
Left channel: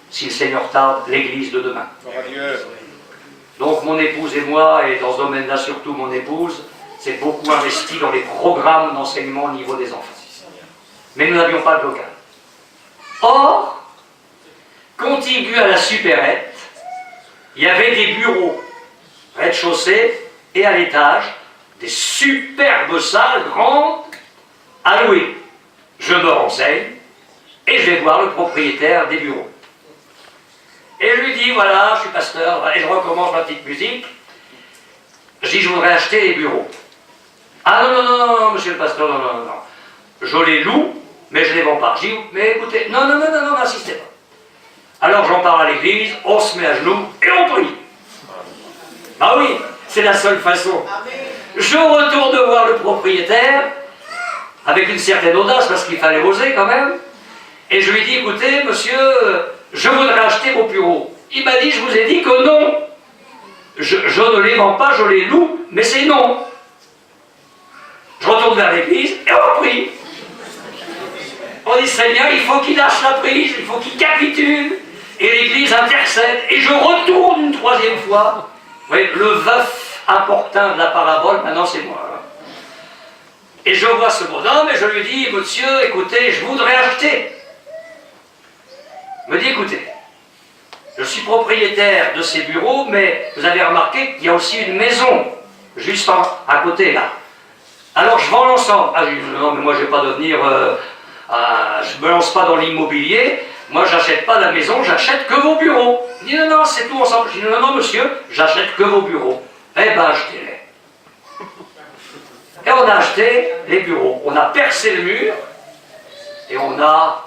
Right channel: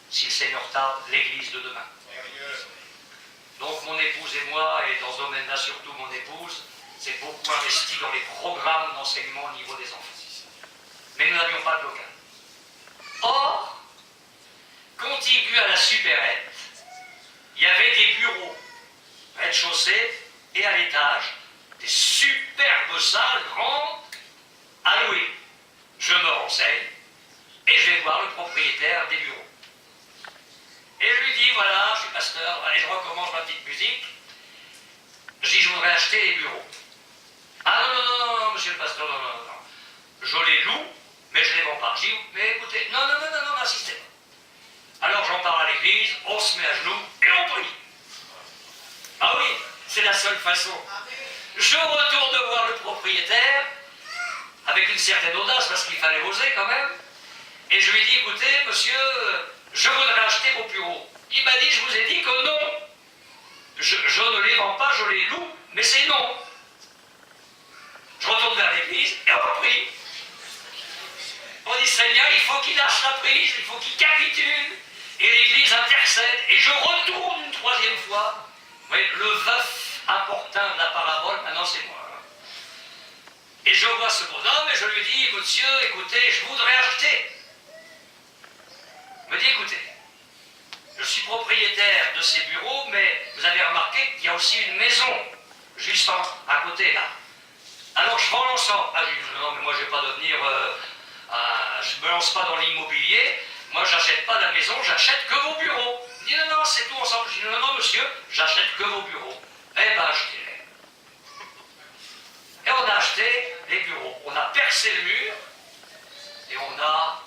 si le Seigneur tarde, l'Église de demain. Donc mon épouse et moi, et dans ce domaine-là surtout mon épouse, c'est beaucoup investi dans les programmes d'enseignement au niveau des enfants. Mais nous n'avions pas de local. Or, contigu à la supérette, il y avait des bureaux, rez-de-chaussée et à l'étage, des superbes salles grandes à louer. Je me renseigne et je vais voir le propriétaire des bureaux. Et je lui dis, voilà, je suis pasteur, et je recommence ma petite musique. Je dis, je voudrais acheter les bureaux. Ah non, monsieur le pasteur, non. Je les loue, mais je ne les vends pas. Je dis, mais écoutez, non, n'insistez pas. Alors j'en parle à l'église, on se met à genoux et on prie. Ah oui, c'est la seule façon. Je retourne voir le propriétaire, avec une certaine audace, parce qu'il fallait oser quand même, et je lui dis, écoutez, monsieur, je voudrais acheter vos bureaux. Il m'a dit, je vous ai dit que non. Je ne les vends pas, je les loue, mais c'est non. Je retourne vers l'église et on prie. On dit, Seigneur, il faut qu'il lâche la prise, il faut qu'il capitule. Et l'église intercède. Et je retourne une troisième fois. Vous voyez, le veuf importun de la parabole, maintenant c'est moi. Et je vois ce bonhomme et je lui dis, monsieur, écoutez, je voudrais acheter. Il me dit, écoutez, je suis propriétaire de ces bureaux, mais vous avez remarqué qu'il y a aussi une maison juste à côté, là. Alors je vends l'ensemble. Ah, je dis, non, mais moi je ne vais pas devenir... je ne me lance pas dans l'immobilier. Moi, j'achète pas la maison, j'achète que vos bureaux. Il dit, non, non, c'est tout ensemble. Je dis, non, non, monsieur, j'achète que vos bureaux. Eh ben, achetez-les. Et on a acheté les bureaux. On a percé le mur et on a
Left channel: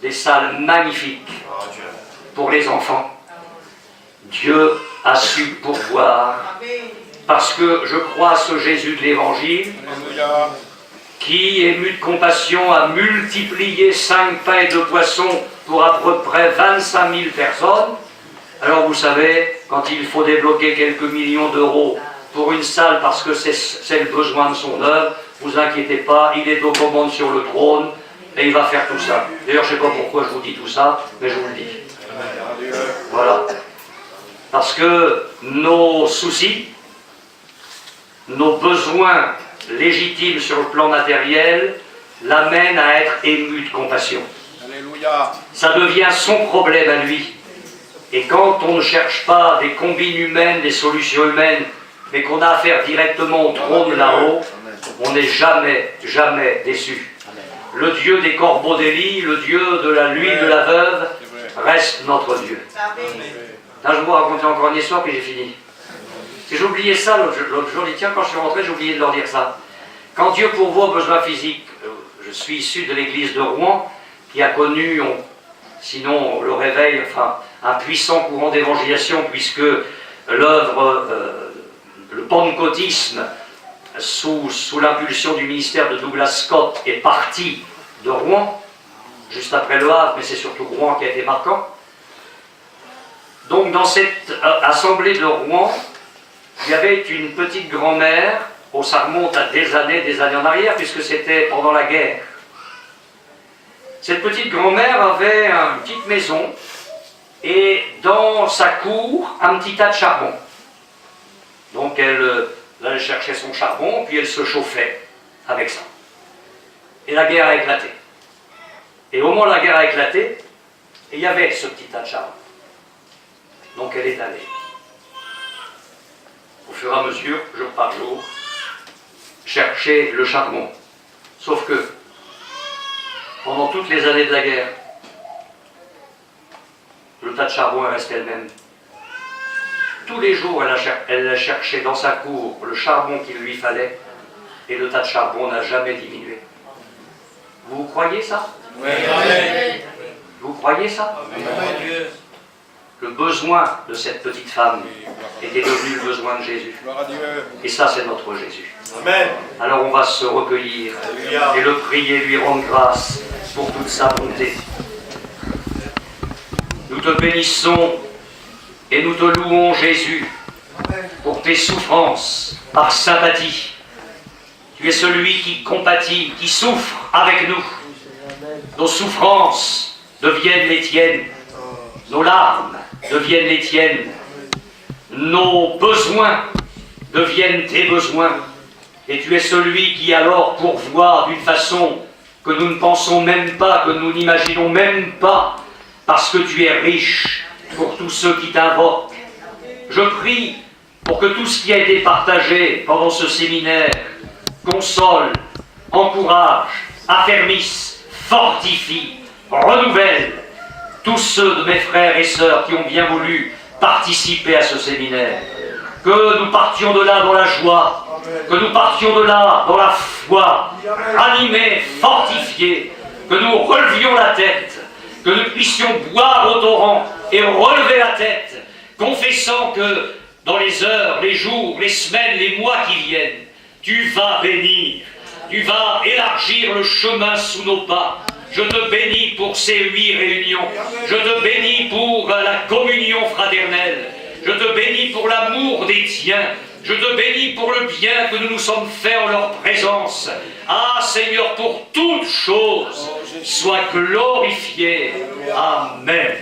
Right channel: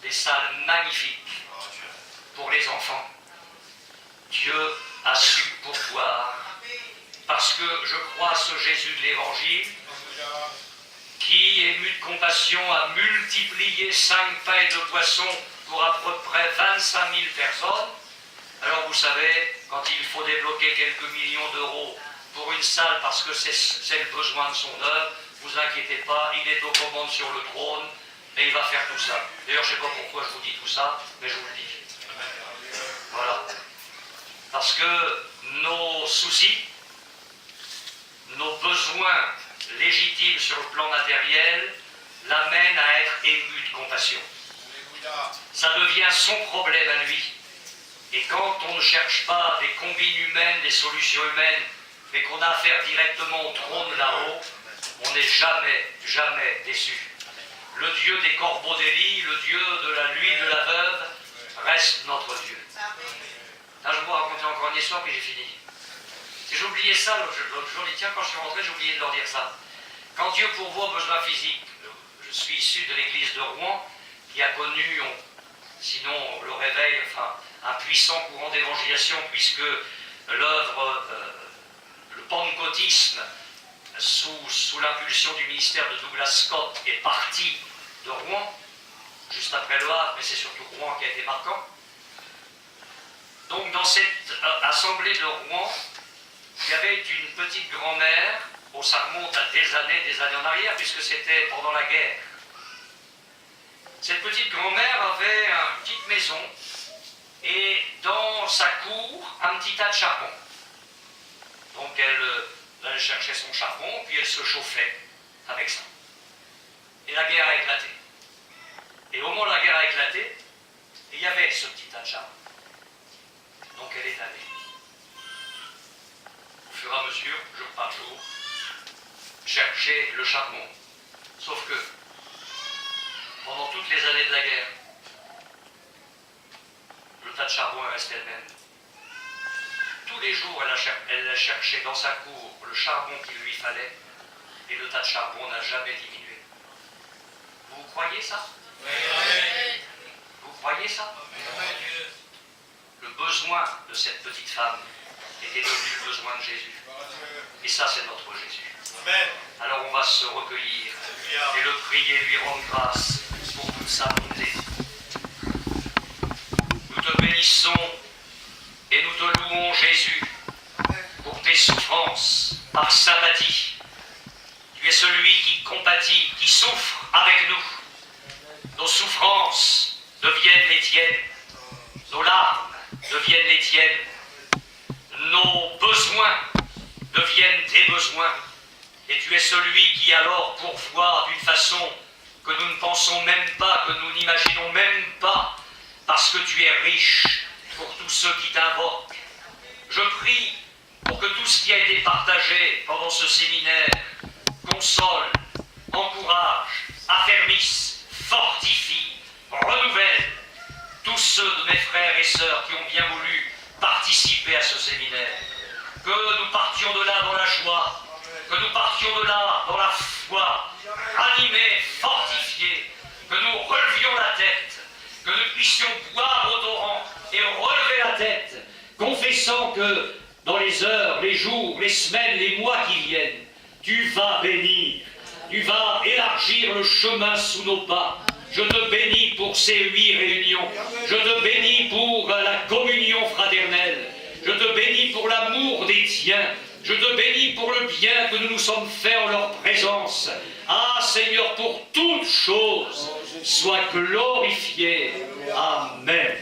des salles magnifiques pour les enfants. Dieu a su pourvoir parce que je crois à ce Jésus de l'Évangile Alléluia. qui, ému de compassion, a multiplié 5 pains et 2 poissons pour à peu près 25 000 personnes. Alors vous savez, quand il faut débloquer quelques millions d'euros pour une salle parce que c'est le besoin de son œuvre, vous inquiétez pas, il est aux commandes sur le trône et il va faire tout ça. D'ailleurs, je ne sais pas pourquoi je vous dis tout ça, mais je vous le dis. Voilà. Parce que nos soucis, nos besoins légitime sur le plan matériel, l'amène à être ému de compassion. Alléluia. Ça devient son problème à lui. Et quand on ne cherche pas des combines humaines, des solutions humaines, mais qu'on a affaire directement au trône là-haut, on n'est jamais, jamais déçu. Le Dieu des corbeaux d'Élie, le Dieu de la l'huile de la veuve, reste notre Dieu. Là, je vais vous raconter encore une histoire, puis j'ai fini. J'ai oublié ça l'autre jour, je dis tiens, quand je suis rentré, j'ai oublié de leur dire ça. Quand Dieu pourvoit aux besoins physiques, je suis issu de l'église de Rouen, qui a connu, sinon le réveil, enfin, un puissant courant d'évangélisation, puisque l'œuvre, le pentecôtisme, sous l'impulsion du ministère de Douglas Scott, est parti de Rouen, juste après Le Havre, mais c'est surtout Rouen qui a été marquant. Donc dans cette assemblée de Rouen, il y avait une petite grand-mère, ça remonte à des années en arrière, puisque c'était pendant la guerre. Cette petite grand-mère avait une petite maison, et dans sa cour, un petit tas de charbon. Donc elle cherchait son charbon, puis elle se chauffait avec ça. Et la guerre a éclaté. Et au moment où la guerre a éclaté, il y avait ce petit tas de charbon. Donc elle est allée. Au fur et à mesure, jour par jour, chercher le charbon. Sauf que, pendant toutes les années de la guerre, le tas de charbon est resté le même. Tous les jours, elle a cherché dans sa cour le charbon qu'il lui fallait, et le tas de charbon n'a jamais diminué. Vous croyez ça? Oui. Vous croyez ça? Le besoin de cette petite femme était devenu le besoin de Jésus. Gloire à Dieu. Et ça, c'est notre Jésus. Amen. Alors on va se recueillir Alléluia. et le prier, lui rendre grâce pour toute sa bonté. Nous te bénissons et nous te louons, Jésus, pour tes souffrances par sympathie. Tu es celui qui compatit, qui souffre avec nous. Nos souffrances deviennent les tiennes. Nos larmes deviennent les tiennes. Nos besoins deviennent tes besoins. Et tu es celui qui alors pourvoit d'une façon que nous ne pensons même pas, que nous n'imaginons même pas, parce que tu es riche pour tous ceux qui t'invoquent. Je prie pour que tout ce qui a été partagé pendant ce séminaire console, encourage, affermisse, fortifie, renouvelle tous ceux de mes frères et sœurs qui ont bien voulu participer à ce séminaire. Que nous partions de là dans la joie, que nous partions de là dans la foi, animés, fortifiés, que nous relevions la tête, que nous puissions boire au torrent et relever la tête, confessant que dans les heures, les jours, les semaines, les mois qui viennent, tu vas bénir, tu vas élargir le chemin sous nos pas. Je te bénis pour ces 8 réunions, je te bénis pour la communion fraternelle, je te bénis pour l'amour des tiens, je te bénis pour le bien que nous nous sommes faits en leur présence. Ah Seigneur, pour toutes choses, sois glorifié. Amen.